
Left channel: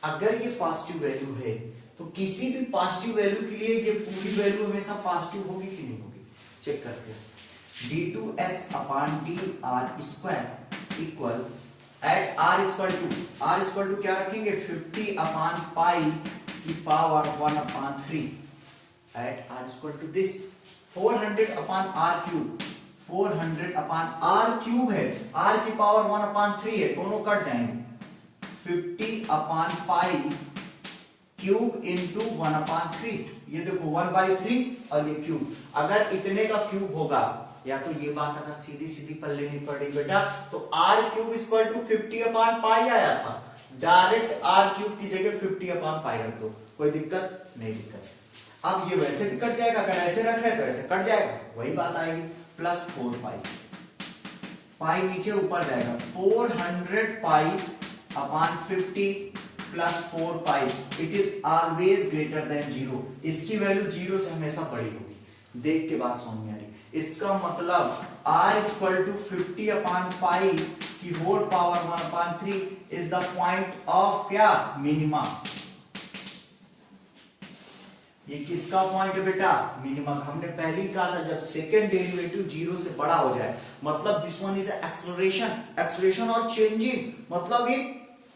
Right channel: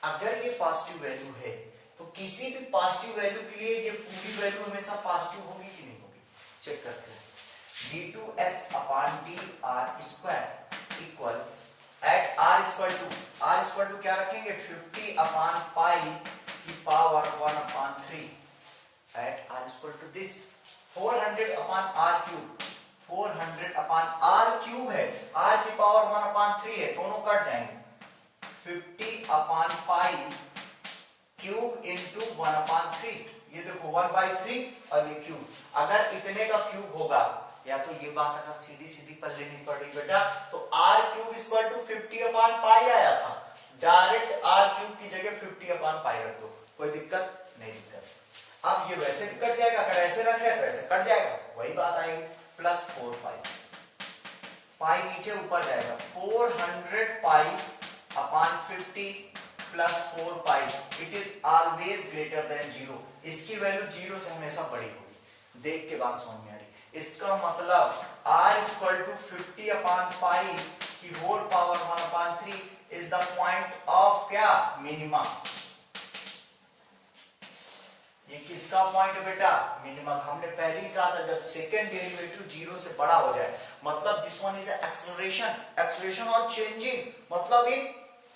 अगर ये पॉजिटिव वैल्यू है तो किसी भी पॉजिटिव वैल्यू के लिए ये पूरी वैल्यू हमेशा पॉजिटिव होगी कि नहीं होगी, चेक करते हैं। d2s upon dr square equal at r equal to क्या रखेंगे, 50 अपान पाई की power 1 upon 3 at r equal to this 400 upon r cube, 400 upon r cube है, r की पावर 1 अपान 3 है, दोनों कट जाएंगे, 50 अपान पाई क्यूब इंटू 1/3। ये देखो 1/3 और ये क्यूब, अगर इतने का क्यूब होगा, या तो ये बात अगर सीधी सीधी पर लेनी पड़ी बेटा, तो r क्यूब इक्वल टू 50/पाई आया था, डायरेक्ट r क्यूब की जगह 50/पाई रख दो, कोई दिक्कत नहीं। दिक्कत अब ये वैसे भी कट जाएगा, अगर ऐसे रख रहे तो ऐसे कट जाएगा, वही बात आएगी, प्लस 4 पाई नीचे ऊपर जाएगा, 400 पाई/50 plus 4 pi, it is always greater than 0। इसकी वैल्यू 0 से हमेशा बड़ी होगी। देख के बात समझ में आ रही, इसका मतलब r इक्वल टू 50/पाई की whole power 1/3 is the point of क्या, मिनिमा। ये किसका पॉइंट है बेटा, मिनिमम। हमने पहले ही कहा था जब सेकेंड डेरिवेटिव 0 से बड़ा हो जाए, मतलब दिस वन इज एक्सेलरेशन और चेंजिंग, मतलब ये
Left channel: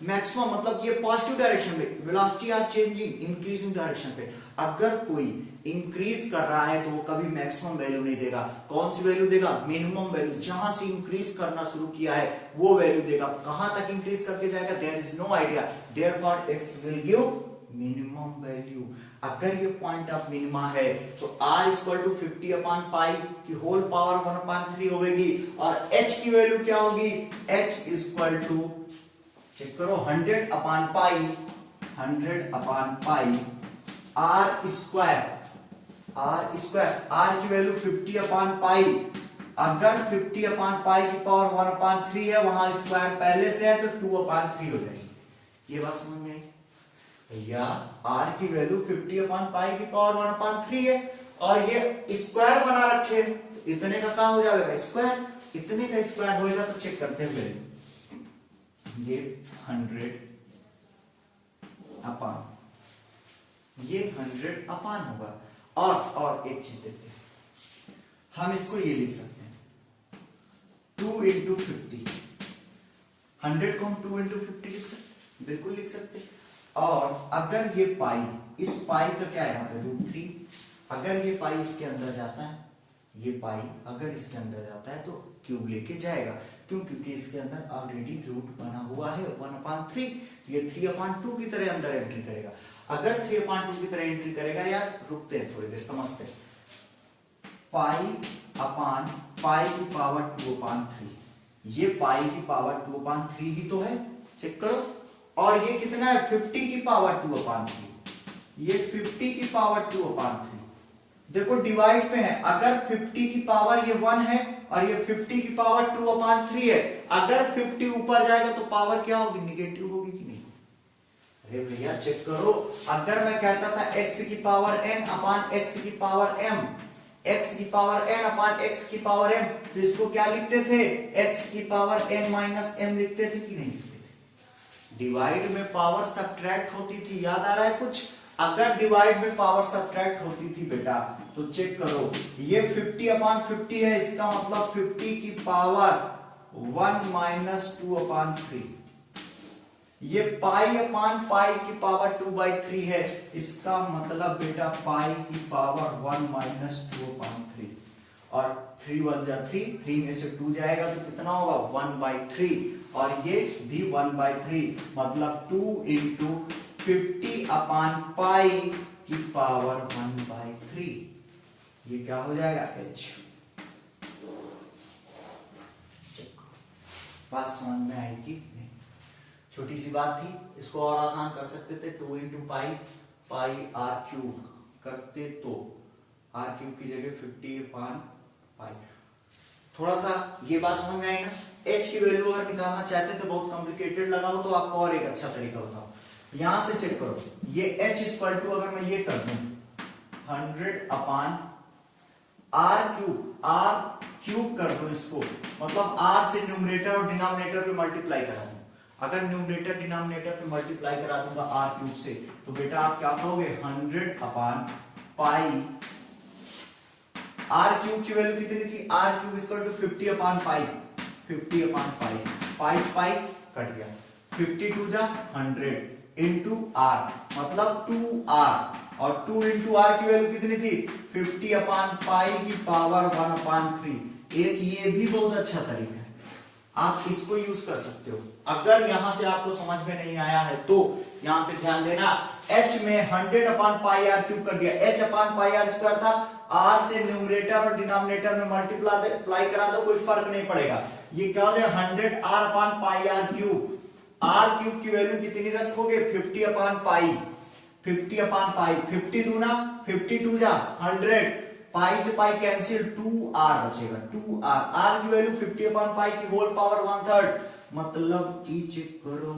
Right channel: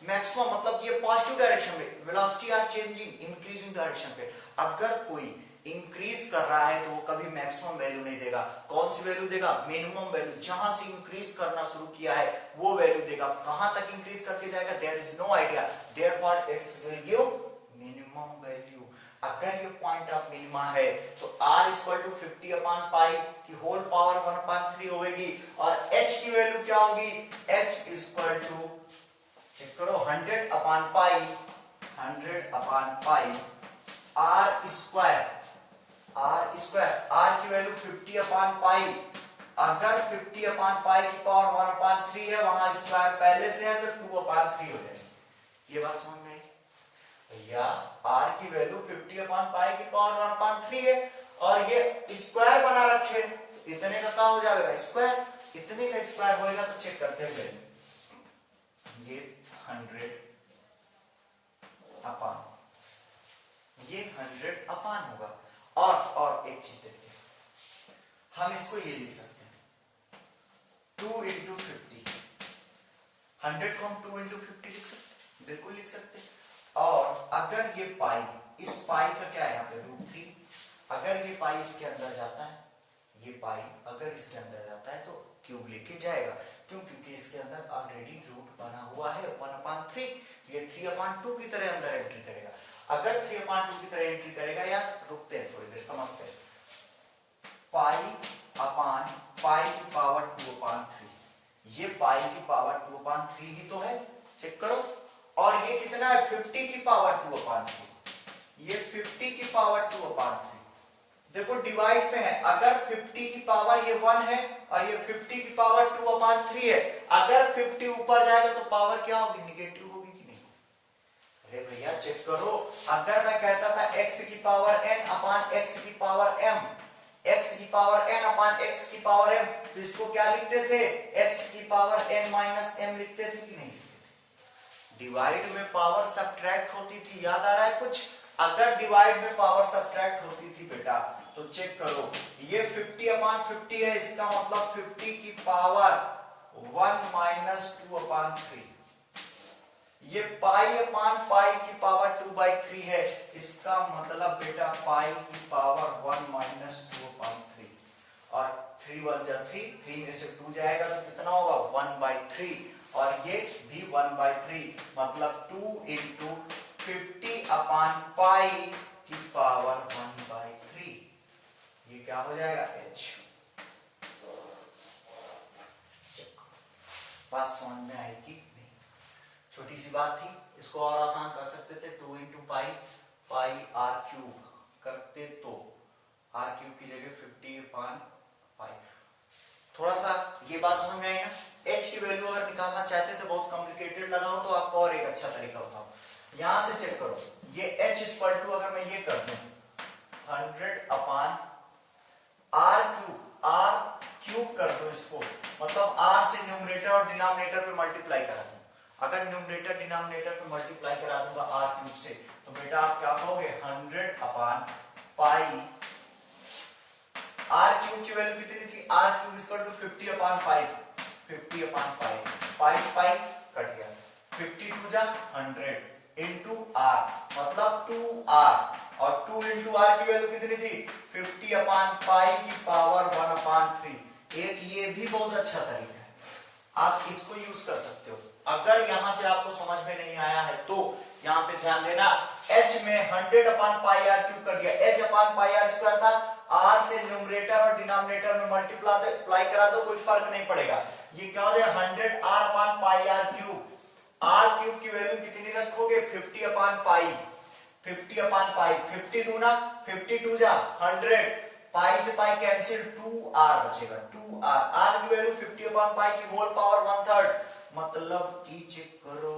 मैक्सिमम, मतलब ये पॉजिटिव डायरेक्शन में, velocity are changing, increasing direction पे। अगर कोई इंक्रीज कर रहा है तो वो कभी मैक्सिमम वैल्यू नहीं देगा। कौन सी वैल्यू देगा, मिनिमम वैल्यू। जहां से इंक्रीज करना शुरू किया है वो वैल्यू देगा। कहां तक इंक्रीज करके जाएगा, there is no idea, therefore it's will give minimum value. अगर ये पॉइंट ऑफ मिनिमा है तो r इक्वल टू 50/पाई की होल पावर 1/3 होगी, और h की वैल्यू क्या होगी, h इक्वल टू, चेक करो, 100/पाई r स्क्वायर, r की वैल्यू 50/पाई। अगर 50/पाई की पावर 1/3 है, वहां स्क्वायर पहले से है तो 2/3 हो जाएगी। ये बात समझ में आई भैया, r की वैल्यू 50/पाई की पावर 1/3 है, और ये स्क्वायर बना रखे, इतने का क्या हो जाएगा, स्क्वायर। इतने का स्क्वायर होएगा तो चेक करते हैं वैल्यू, ये 100 अपान, ये 100 अपान होगा। और एक चीज देखते हैं, हम इसको ये लिख सकते हैं 2 इंटू 50, 100 को हम 2 इंटू 50 लिख सकते, बिल्कुल लिख सकते। और अगर ये पाई, इस पाई का क्या है यहाँ पे √3, अगर ये पाई इसके अंदर जाता है, ये पाई अगर इसके अंदर जाता है तो क्यूब लेके जाएगा, क्यों, क्योंकि इसके अंदर ऑलरेडी रूट बना हुआ है 1/3, तो ये 3/2 की तरह अंदर एंट्री करेगा। अगर 3/2 की तरह एंट्री करेगा, यार रुकते हैं थोड़ी देर, समझते हैं। पाई की पावर 2/3, ये पाई की पावर 2/3 ही तो है, चेक करो। और ये कितना है, 50 की पावर 2/3, ये 50 की पावर 2/3। देखो डिवाइड पे है, अगर 50 की पावर ये 1 है और ये 50 की पावर 2/3 है, अगर 50 ऊपर जाएगा तो पावर क्या होगी, निगेटिव होगी कि नहीं। अरे भैया चेक करो, अगर मैं कहता था x की पावर n अपान x की पावर m, x की पावर n अपान x की पावर m, तो इसको क्या लिखते थे, x की पावर n माइनस m लिखते थे कि नहीं लिखते थे। डिवाइड में पावर सब्ट्रैक्ट होती थी, याद आ रहा है कुछ। अगर डिवाइड में पावर सब्ट्रैक्ट होती थी बेटा, तो चेक करो, ये 50/50 है, इसका मतलब 50 की पावर 1 माइनस 2/3, ये पाई की पावर 2/3 है, इसका मतलब बेटा पाई की पावर 1 माइनस 2/3, और 3 1 जा 3 में से 2 जाएगा तो कितना होगा, 1/3, और ये भी 1/3, मतलब 2 इंटू 50/पाई की पावर 1/3, ये क्या हो जाएगा, h। बात समझ में आएगी, छोटी सी बात थी, इसको और आसान कर सकते थे, 2 इंटू पाई r क्यूब करते तो r क्यूब की जगह 50/पाई। थोड़ा सा ये बात समझ में आएगा। h की वैल्यू अगर निकालना चाहते थे, बहुत कॉम्प्लिकेटेड लगा हो तो आपको और एक अच्छा तरीका बताओ, यहां से चेक करो, ये h इक्वल टू, अगर मैं ये कर दूं 100/r क्यूब कर दो इसको, मतलब r से न्यूमरेटर और डिनोमिनेटर पे मल्टीप्लाई करा दूं। अगर न्यूमरेटर डिनोमिनेटर पे मल्टीप्लाई करा दूंगा r क्यूब से, तो बेटा आप क्या कहोगे, 100/पाई, r क्यूब की वैल्यू कितनी थी, r क्यूब इक्वल टू 50/पाई, 50/पाई, पाई कट गया, 52 जा 100 इंटू r, मतलब 2r, और 2 इंटू r की वैल्यू कितनी थी, 50/पाई की पावर 1/3। एक ये भी बहुत अच्छा तरीका है, आप इसको यूज कर सकते हो। अगर यहां से आपको समझ में नहीं आया है तो यहां पे ध्यान देना, h में 100/πr³ कर दिया, h अपान पाई आर स्क्वायर था, r से न्यूमरेटर और डिनोमिनेटर में मल्टीप्लाई करा दो, कोई फर्क नहीं पड़ेगा। ये क्या हो जाएगा 100r/πr³। r³ की वैल्यू कितनी रखोगे 50/π, 50/π, 50 दूना 52 जा 100, पाई से पाई कैंसिल, 2r बचेगा, 2r, r की वैल्यू 50/π की होल पावर 1/3, मतलब कि चेक करो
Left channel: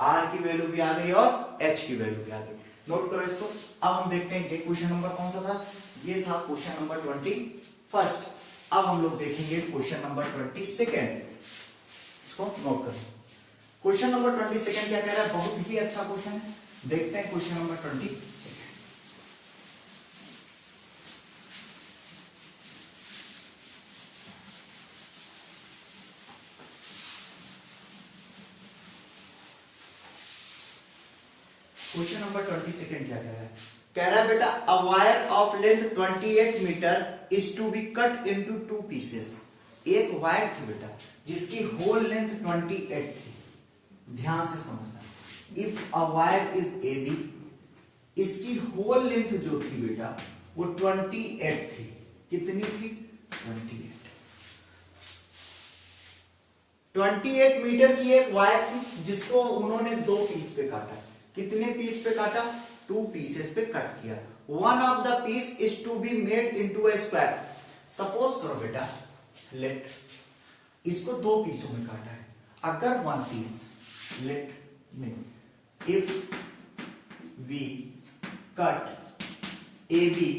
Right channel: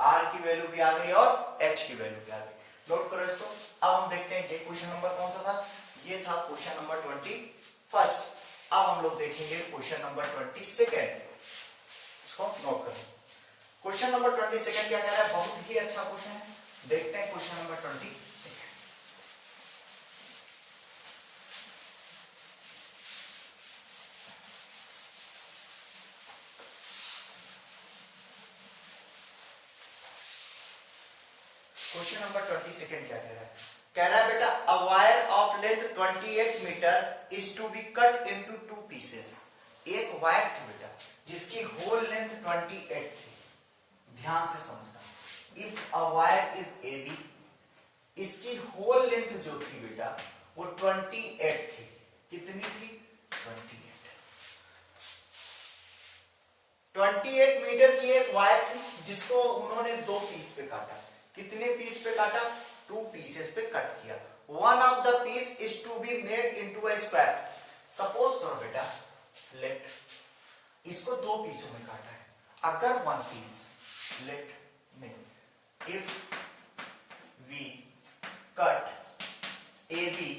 r की वैल्यू भी आ गई और h की वैल्यू भी आ गई। नोट करो इसको। अब हम देखते हैं कि क्वेश्चन नंबर कौन सा था, ये था क्वेश्चन नंबर 21। अब हम लोग देखेंगे क्वेश्चन नंबर 22। इसको नोट करो। क्वेश्चन नंबर 22 क्या कह रहा है, बहुत ही अच्छा क्वेश्चन है। देखते हैं क्वेश्चन नंबर 22। क्वेश्चन नंबर 22 क्या कह रहा है, कह रहा है बेटा a wire of length 28 metre is to be cut into 2 pieces. एक वायर थी बेटा जिसकी होल लेंथ 28 थी, ध्यान से समझना। If a wire is A B, इसकी होल लेंथ जो थी बेटा वो 28 थी। कितनी थी 28 मीटर की एक वायर थी जिसको उन्होंने 2 पीस पे काटा। कितने पीस पे काटा 2 पीसेस पे कट किया। One of the piece is to be made into a square. Suppose करो बेटा लेट इसको 2 पीसों में काटा है। अगर वन पीस लेट में if we cut A B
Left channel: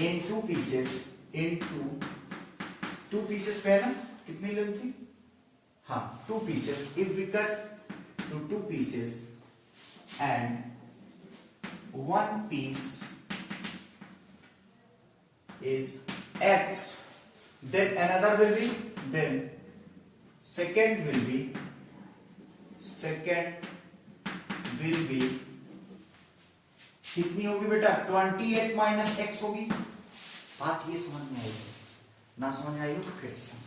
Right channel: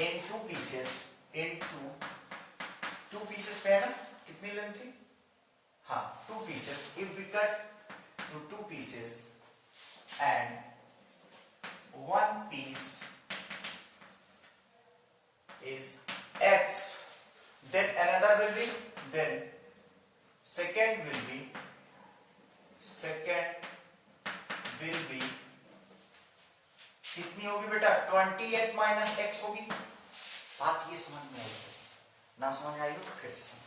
in 2 pieces into 2 pieces पे है ना, कितनी लेंथ थी, हाँ 2 pieces. If we cut two 2 pieces and one piece is x, then another will be, then second will be कितनी होगी बेटा 28 माइनस x होगी। बात ये समझ में आई है ना, समझ आई हो तो फिर से समझ।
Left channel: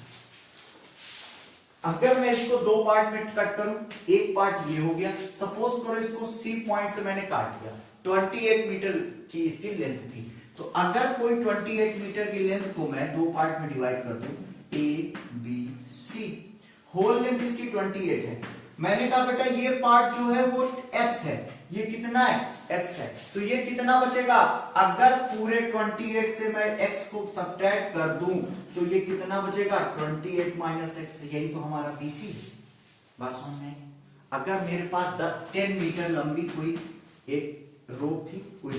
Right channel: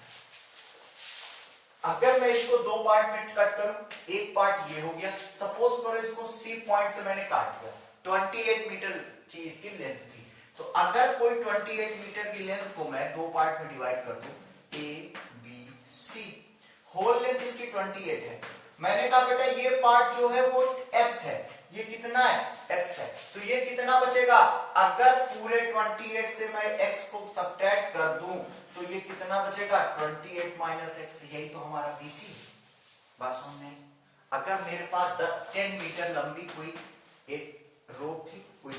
अगर मैं इसको 2 पार्ट में कट करूं, एक पार्ट ये हो गया, सपोज करो इसको सी पॉइंट से मैंने काट दिया, 28 मीटर की इसकी लेंथ थी। तो अगर कोई 28 मीटर की लेंथ को मैं 2 पार्ट में डिवाइड कर दूं, A B C, whole length इसकी 28 है। मैंने कहा बेटा ये पार्ट जो है वो x है, ये कितना है x है, तो ये कितना बचेगा। अगर पूरे 28 से मैं x को सब्ट्रैक्ट कर दूं तो ये कितना बचेगा 28 माइनस एक्स, यही तो हमारा BC है। बात समझ में। अगर मेरे पास 10 मीटर लंबी कोई एक रोप थी, कोई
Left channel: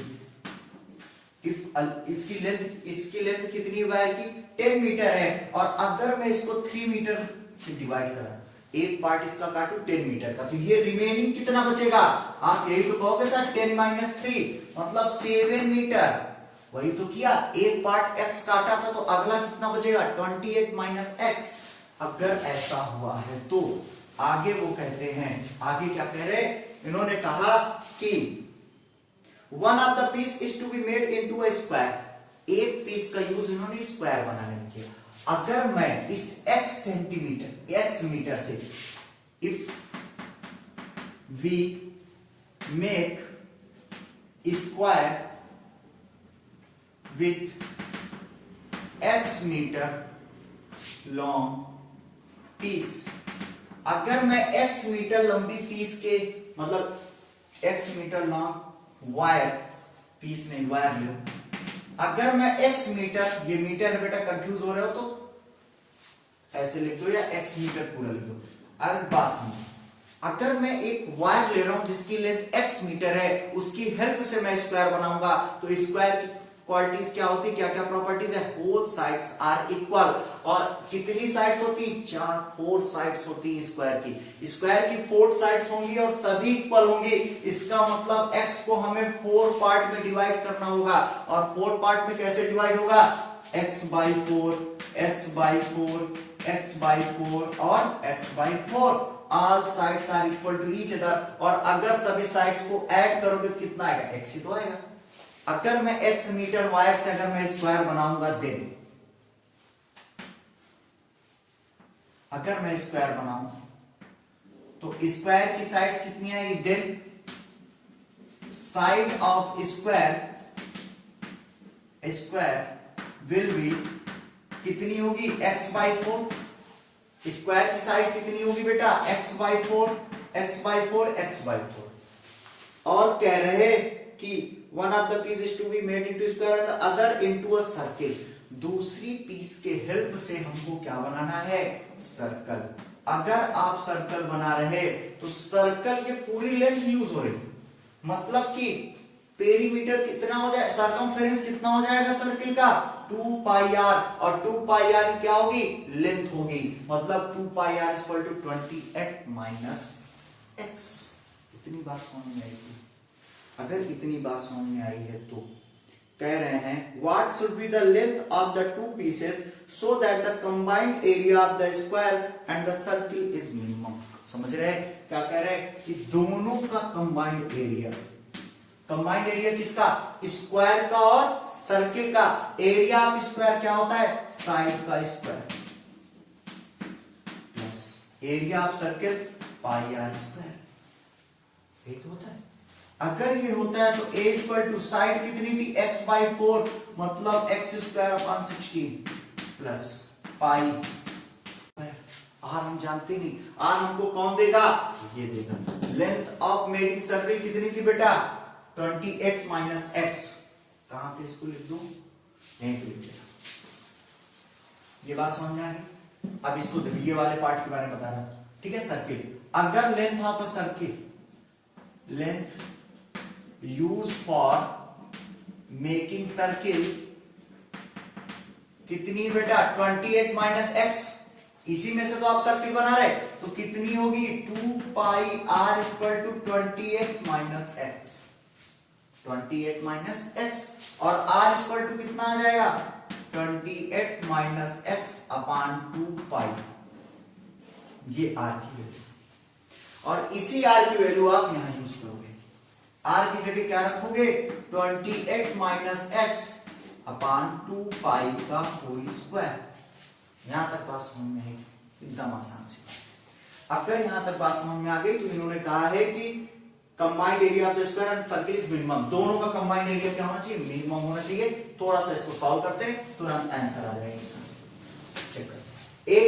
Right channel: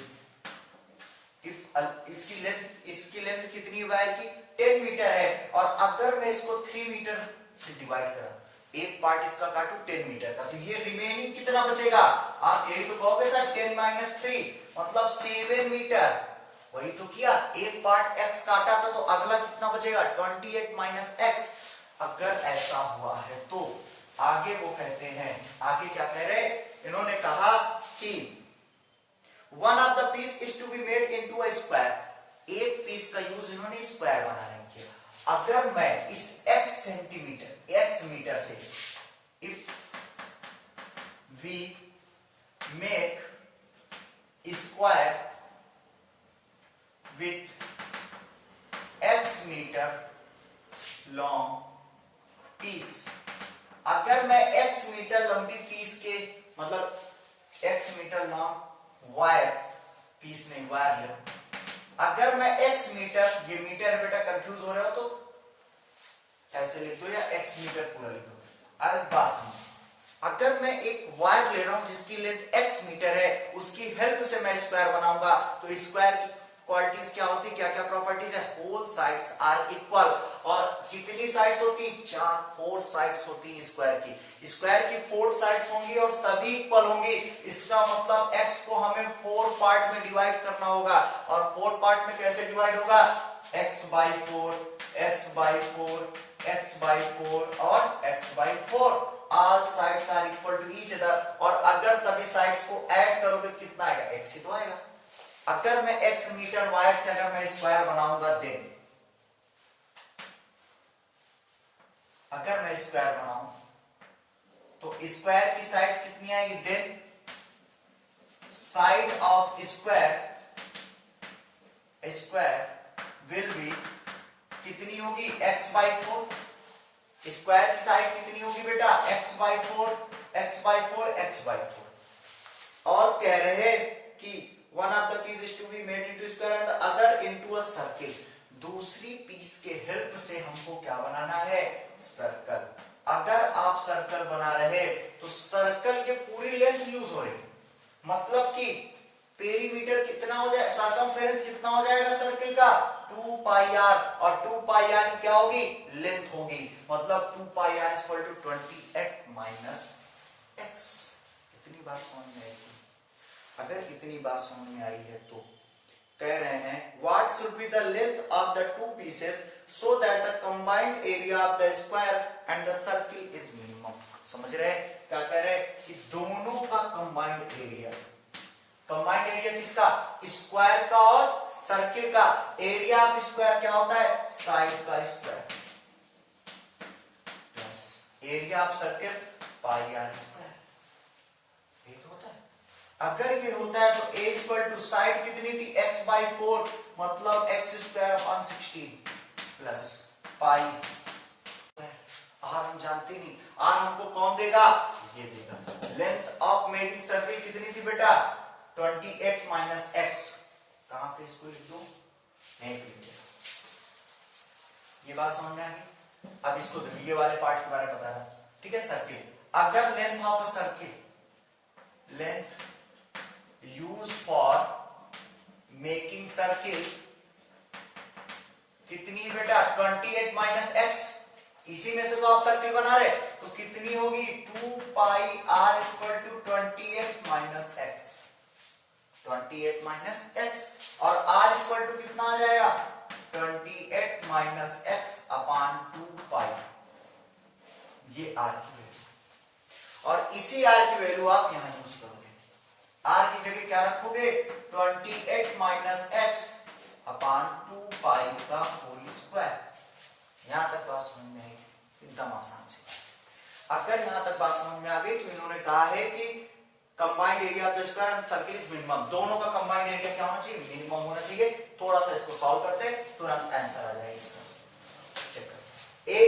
इसकी लेंथ कितनी वायर की 10 मीटर है, और अगर मैं इसको 3 मीटर से डिवाइड करा, एक पार्ट इसका काटू 10 मीटर का, तो ये रिमेनिंग कितना बचेगा, आप यही तो कहोगे सर 10 माइनस 3 मतलब 7 मीटर। वही तो किया, एक पार्ट x काटा था तो अगला कितना बचेगा 28 माइनस एक्स। अगर ऐसा हुआ है तो आगे वो कहते हैं, आगे क्या कह रहे, इन्होंने कहा कि one of the piece is to be made into a square. एक पीस का यूज इन्होंने स्क्वायर बनाने में किया। अगर मैं इस x सेंटीमीटर x मीटर से if we make square with x metre long piece, अगर मैं x मीटर लंबी पीस के मतलब x metre long wire piece नहीं वायर लो, अगर मैं x मीटर, ये मीटर है बेटा, कंफ्यूज हो रहे हो तो ऐसे लिख दो या x मीटर पूरा लिख दो। अरे बात सुनो, अगर मैं एक वायर ले रहा हूं जिसकी लेंथ x मीटर है, उसकी हेल्प से मैं स्क्वायर बनाऊंगा, तो स्क्वायर की क्वालिटीज क्या होती, क्या क्या प्रॉपर्टीज है, होल साइड्स आर इक्वल। और कितनी साइड्स होती, 4 साइड्स होती स्क्वायर की। स्क्वायर की 4 साइड्स होंगी और सभी इक्वल होंगी। इसका मतलब x को हमें 4 पार्ट में डिवाइड करना होगा, और 4 पार्ट में कैसे डिवाइड होगा, x by 4, x by 4, x by 4 और x by 4। All sides are equal to each other, और अगर सभी साइड्स को ऐड करोगे तो कितना आएगा, x ही तो आएगा। अगर मैं x मीटर वायर से अगर मैं स्क्वायर बनाऊंगा, देन अगर मैं स्क्वायर बनाऊं तो स्क्वायर की साइड्स कितनी आएगी, then side of square will be कितनी होगी, x/4। स्क्वायर की साइड कितनी होगी बेटा, x/4 x/4 x/4। और कह रहे कि one of the piece is to be made into square and the other into a circle. दूसरी पीस के हेल्प से हमको क्या बनाना है, सर्कल। अगर आप सर्कल बना रहे तो सर्कल के पूरी लेंथ यूज हो रही, मतलब कि पेरीमीटर कितना हो जाए, सर्कमफेरेंस कितना हो जाएगा सर्किल का, 2πr। और 2πr क्या होगी, लेंथ होगी, मतलब 2πr equal to 28 minus x। इतनी बात समझ में आएगी। अगर इतनी बात समझ में आई है तो कह रहे हैं what should be the length of the two pieces so that the combined area of the square and the circle is minimum. समझ रहे हैं क्या कह रहे हैं कि दोनों का कंबाइंड एरिया, कंबाइंड एरिया किसका, स्क्वायर का और सर्किल का। एरिया ऑफ स्क्वायर क्या होता है, साइड का square plus area of circle pi r square. ये तो होता है। अगर ये होता है तो a इक्वल टू साइड कितनी थी, x/4, मतलब x² 16 प्लस पाई। आर हम जानते नहीं, आर हमको कौन देगा, ये देगा। लेंथ ऑफ मेडिंग सर्किल कितनी थी बेटा, 28 माइनस x। कहां पे इसको लिख दो, यहीं पे लिख देगा। ये बात समझ में आ गई। अब इसको देखिए, ये वाले पार्ट के बारे में बता रहा हूं, ठीक है। सर्किल, अगर length of a circle, length use for making circle कितनी बेटा, 28 माइनस एक्स। इसी में से तो आप सर्किल बना रहे, तो कितनी होगी, 2πr equal to 28 minus x, 28 minus x. और r इक्वल टू कितना आ जाएगा, 28 माइनस एक्स अपान 2π। ये r की वैल्यू, और इसी r की वैल्यू आप यहां यूज करोगे। r की जगह क्या रखोगे, 28 माइनस एक्स अपान 2π का होल स्क्वायर। यहां तक बात समझ में आएगी, एकदम आसान सी बात। अगर यहां तक बात समझ में आ गई तो इन्होंने कहा है कि combined area of the square and circle is minimum. दोनों का कंबाइंड एरिया क्या होना चाहिए, मिनिमम होना चाहिए। थोड़ा सा इसको सॉल्व करते हैं, तुरंत आंसर आ जाएगा इसका। चेक करते हैं, a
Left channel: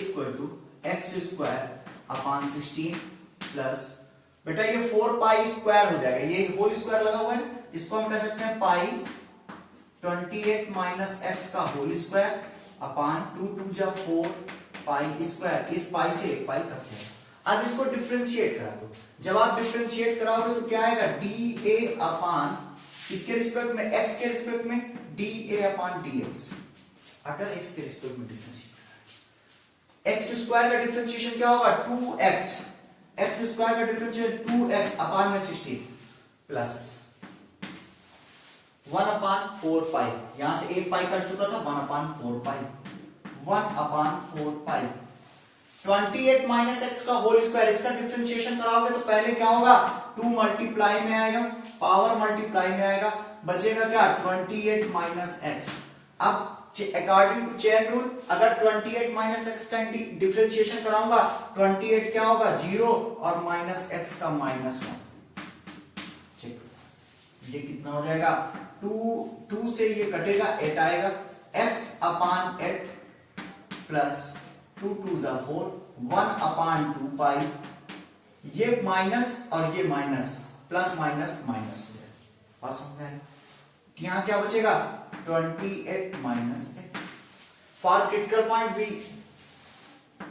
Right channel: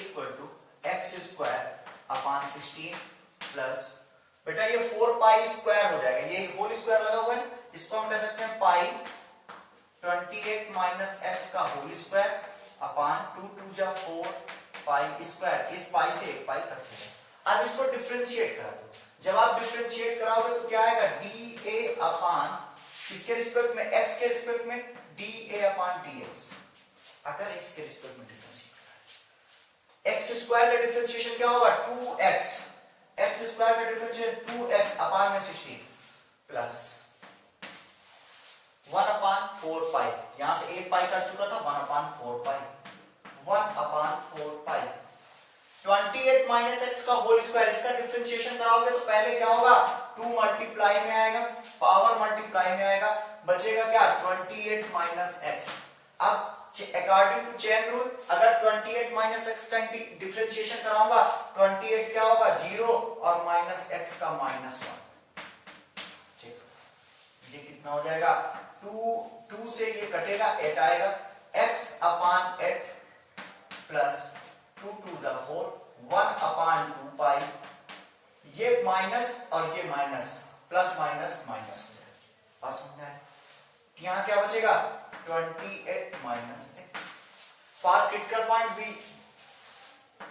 equal to x square upon 16 plus, बेटा ये 4π स्क्वायर हो जाएगा, ये होल स्क्वायर लगा हुआ है, इसको हम कह सकते हैं पाई 28 माइनस एक्स का होल स्क्वायर अपान 2 2 जा 4 पाई स्क्वायर। इस पाई से एक पाई कट जाएगा। अब इसको डिफरेंशिएट करा दो। जब आप डिफरेंशिएट कराओगे तो क्या आएगा, डी ए अपान इसके रिस्पेक्ट में, एक्स के रिस्पेक्ट में D A upon D x. अगर एक्स के रिस्पेक्ट में डिफरेंशिएट करा, एक्स स्क्वायर का डिफरेंशिएशन क्या होगा, 2x। एक्स स्क्वायर का डिफरेंशिएशन 2x अपान में 16 प्लस 1 अपान 4π। यहां से एक पाई कट चुका था, 1 अपान 4π, 1 अपान 4π। 28 माइनस एक्स का होल स्क्वायर, इसका डिफरेंशिएशन कराओगे तो पहले क्या होगा, 2 मल्टीप्लाई में आएगा, पावर मल्टीप्लाई में आएगा, बचेगा क्या, 28 माइनस एक्स। अब अकॉर्डिंग टू चेन रूल, अगर 28 माइनस एक्स का डिफरेंशिएशन कराऊंगा, 28 क्या होगा, 0 और माइनस एक्स का -1। ठीक, ये कितना हो जाएगा, 2 से ये कटेगा, 8 आएगा, x अपान 8 प्लस 2 2 जा 4, 1 अपान 2π। ये माइनस और ये माइनस, प्लस माइनस माइनस हो जाएगा। बात समझ में आए, यहां क्या बचेगा, 28 minus x. For critical point B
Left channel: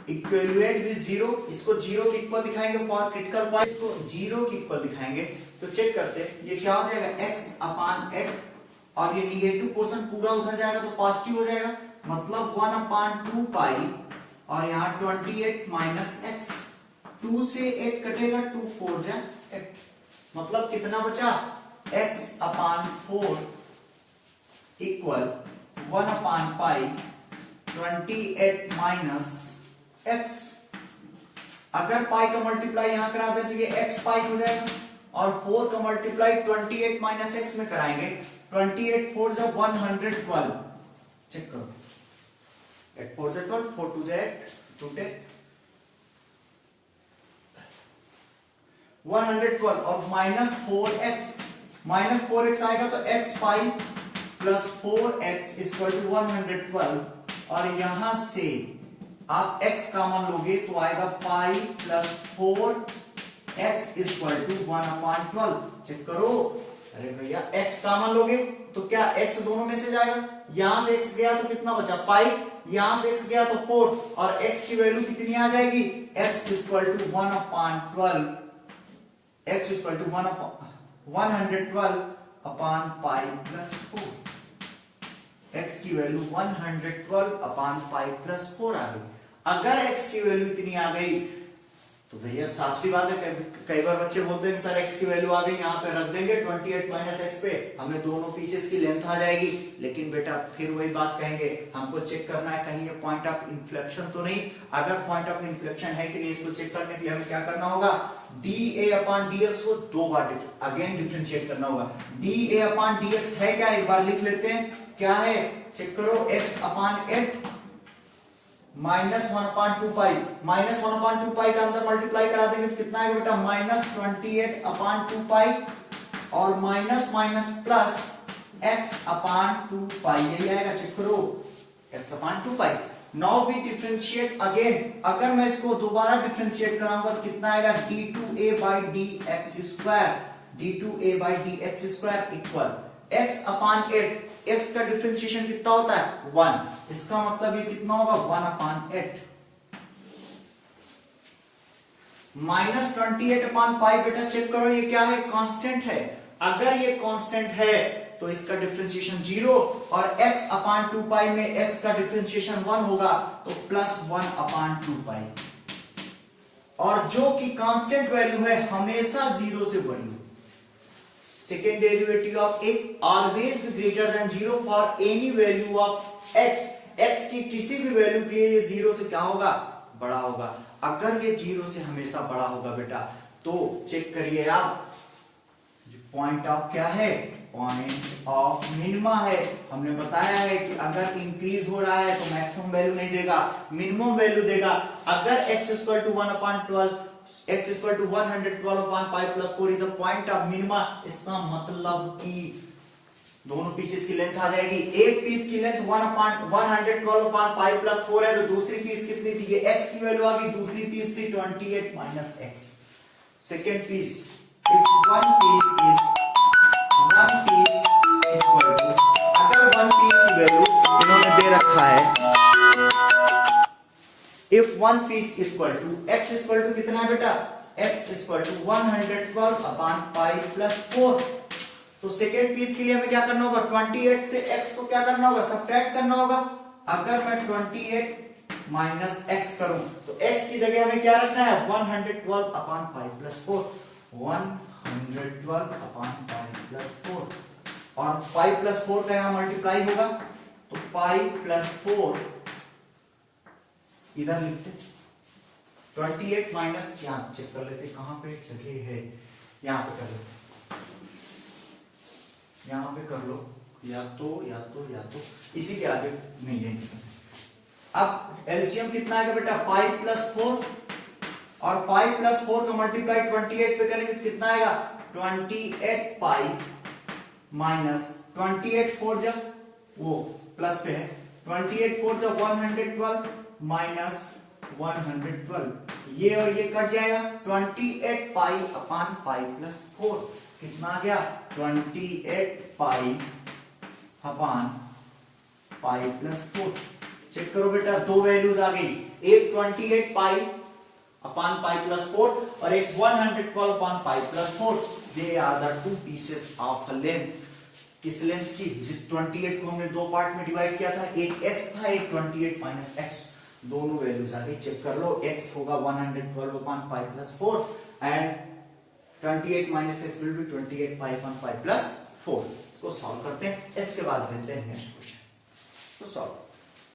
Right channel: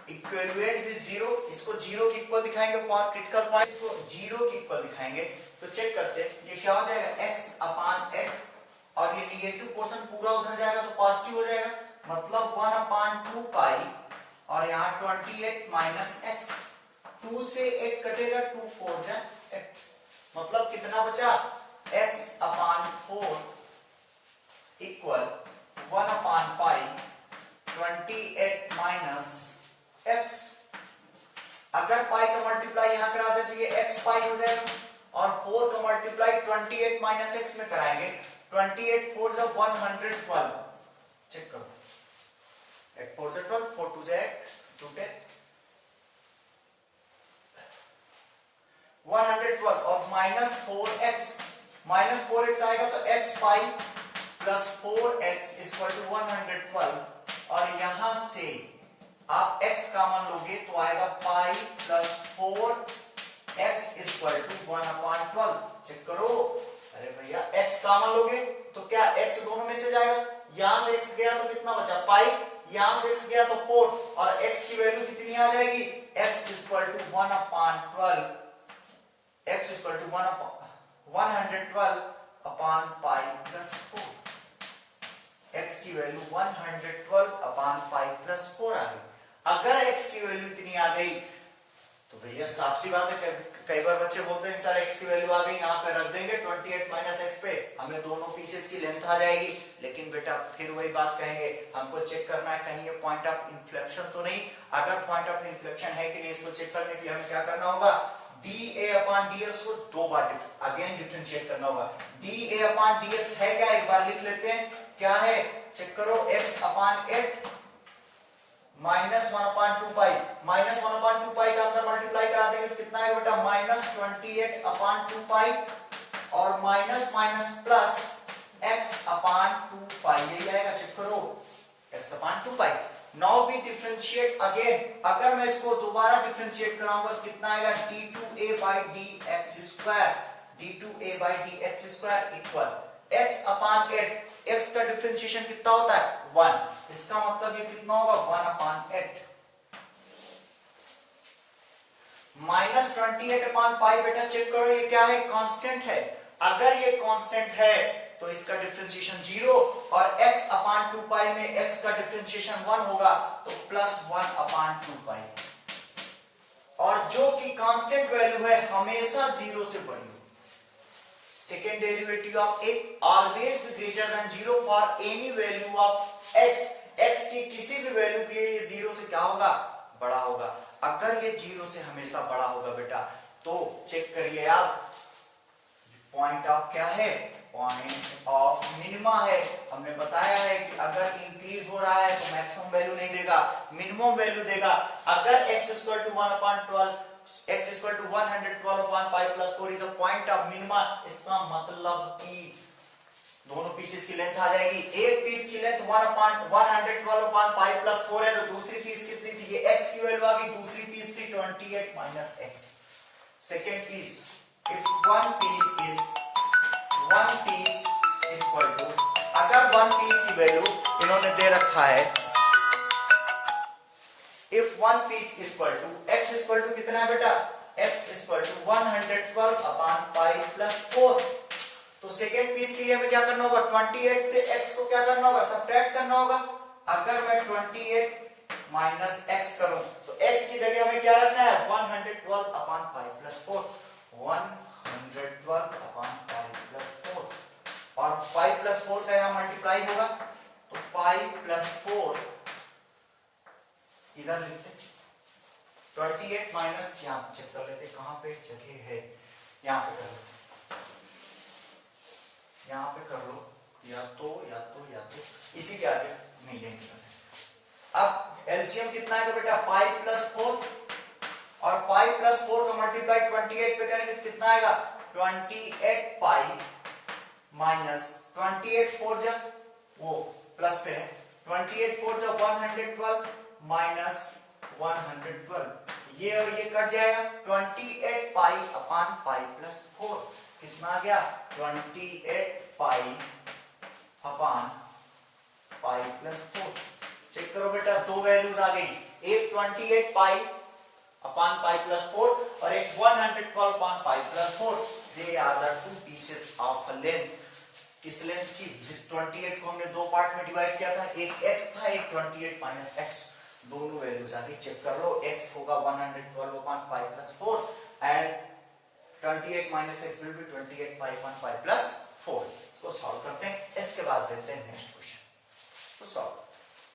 equivalent with 0, इसको 0 के इक्वल दिखाएंगे। फॉर क्रिटिकल पॉइंट इसको 0 के इक्वल दिखाएंगे। तो चेक करते हैं, ये क्या हो जाएगा, x अपान 8, और ये निगेटिव पोर्शन पूरा उधर जाएगा तो पॉजिटिव हो जाएगा, मतलब 1 अपान 2π, और यहाँ 28 माइनस एक्स। 2 से 8 कटेगा, 2 4 जा 8, मतलब कितना बचा, x अपान 4 इक्वल 1 अपान पाई 28 माइनस एक्स। अगर पाई का मल्टीप्लाई यहां करा दे तो ये x पाई हो जाएगा, और 4 का मल्टीप्लाई 28 माइनस एक्स में कराएंगे, 28 4 जा 112। चेक करो, 8 4 से 12, 4 2 से 8, 2 10, 112 और माइनस 4x आएगा तो x pi plus 4x equal to 112 और यहां से आप x कॉमन लोगे तो आएगा pi plus 4x equal to 1/12। Check करो, अरे भैया x कॉमन लोगे तो क्या x दोनों में से जाएगा, यहां से x गया तो कितना बचा पाई, यहां से x गया तो 4 और x की वैल्यू कितनी आ जाएगी, x equal to 1/12, x equal to 112 upon pi plus 4, x की वैल्यू 112 अपॉन पाई प्लस 4 आ गई। अगर x की वैल्यू इतनी आ गई तो भैया साफ सी बात है, कई बार बच्चे बोलते हैं सर x की वैल्यू आ गई, यहाँ पे रख देंगे 28 माइनस x पे, हमें दोनों पीसेस की लेंथ आ जाएगी। लेकिन बेटा फिर वही बात कहेंगे, हमको चेक करना है कहीं ये पॉइंट ऑफ इन्फ्लेक्शन तो नहीं। अगर पॉइंट ऑफ इन्फ्लेक्शन है कि नहीं, इसको चेक करने के लिए हमें क्या करना होगा, dA अपॉन dx को दो बार अगेन डिफरेंशिएट करना होगा। dA अपॉन dx है क्या, एक बार लिख लेते हैं, क्या है चेक करो, x अपॉन 8 माइनस 1/2 पाई, माइनस 1/2 पाई का अंदर मल्टीप्लाई करा देंगे तो कितना आएगा बेटा, माइनस 28/2 पाई और minus minus plus x upon 2 pi, यही आएगा। चेक करो x upon 2 pi. Now we differentiate again, अगर मैं इसको दोबारा डिफरेंशिएट कराऊंगा तो कितना आएगा, d2a by dx square, d2a by dx square equal x upon 8, x का डिफरेंशिएशन कितना होता है 1, इसका मतलब ये कितना होगा 1/8 माइनस 28/पाई। बेटा चेक करो ये क्या है, कांस्टेंट है। अगर ये कांस्टेंट है तो इसका डिफरेंशिएशन 0 और x अपॉन 2 पाई में x का डिफरेंशिएशन 1 होगा तो प्लस 1/2 पाई, और जो कि कांस्टेंट वैल्यू है हमेशा 0 से बड़ी हो। Second derivative of a always be greater than 0 for any value of x, x की किसी भी वैल्यू के लिए ये 0 से क्या होगा, बड़ा होगा। अगर ये 0 से हमेशा बड़ा होगा बेटा तो चेक करिए आप, पॉइंट ऑफ क्या है, पॉइंट ऑफ मिनिमा है। हमने बताया है कि अगर इंक्रीज हो रहा है तो मैक्सिमम वैल्यू नहीं देगा, मिनिमम वैल्यू देगा। अगर x equal to 1/12, x equal to 112/पाई plus 4 is a point of minima, इसका मतलब कि दोनों पीसेस की लेंथ आ जाएगी। एक पीस की लेंथ 112/पाई प्लस 4 है तो दूसरी पीस कितनी थी, ये x की वैल्यू आ गई, दूसरी पीस थी 28 minus x। Second piece, if one piece equal to, अगर वन पीस की वैल्यू इन्होंने दे रखा है, if one piece equal to x equal to कितना है बेटा, x इक्वल टू 112/पाई प्लस 4। तो सेकेंड पीस के लिए हमें क्या करना होगा, 28 से x को क्या करना होगा, सब्ट्रैक्ट करना होगा। अगर मैं 28 माइनस x करूं तो x की जगह हमें क्या रखना है, 112/पाई प्लस 4, 112/पाई प्लस 4, और पाई प्लस 4 का यहां मल्टीप्लाई होगा तो पाई प्लस 4 इधर लिखते, 28 माइनस, यहां चेक कर लेते कहां पे जगह है, यहां पे कर लेते, यहां पे कर लो, या तो इसी के आगे नहीं देंगे। अब एलसीएम कितना आएगा बेटा, पाई प्लस 4 और पाई प्लस 4 का मल्टीप्लाई 28 पे करेंगे तो कितना आएगा, 28 पाई माइनस 28 4 जब वो प्लस पे है, 28 4 जब 112 माइनस 112, ये और ये कट जाएगा, 28 पाई अपॉन पाई प्लस 4 कितना आ गया, 28 pi upon pi plus 4। Check करो बेटा, दो वैल्यूज आ गई, एक 28 पाई अपॉन पाई प्लस 4 और एक 112 upon pi plus 4। They are the two pieces of a length. किस लेंथ की, जिस 28 को हमने दो पार्ट में डिवाइड किया था, एक x था, एक 28 माइनस x, दोनों वैल्यूज आ गई। चेक कर लो, x होगा 112 upon pi plus 4 and 28 minus x will be 28 pi upon pi plus 4। इसको सॉल्व करते हैं, इसके बाद देखते हैं नेक्स्ट क्वेश्चन। तो सॉल्व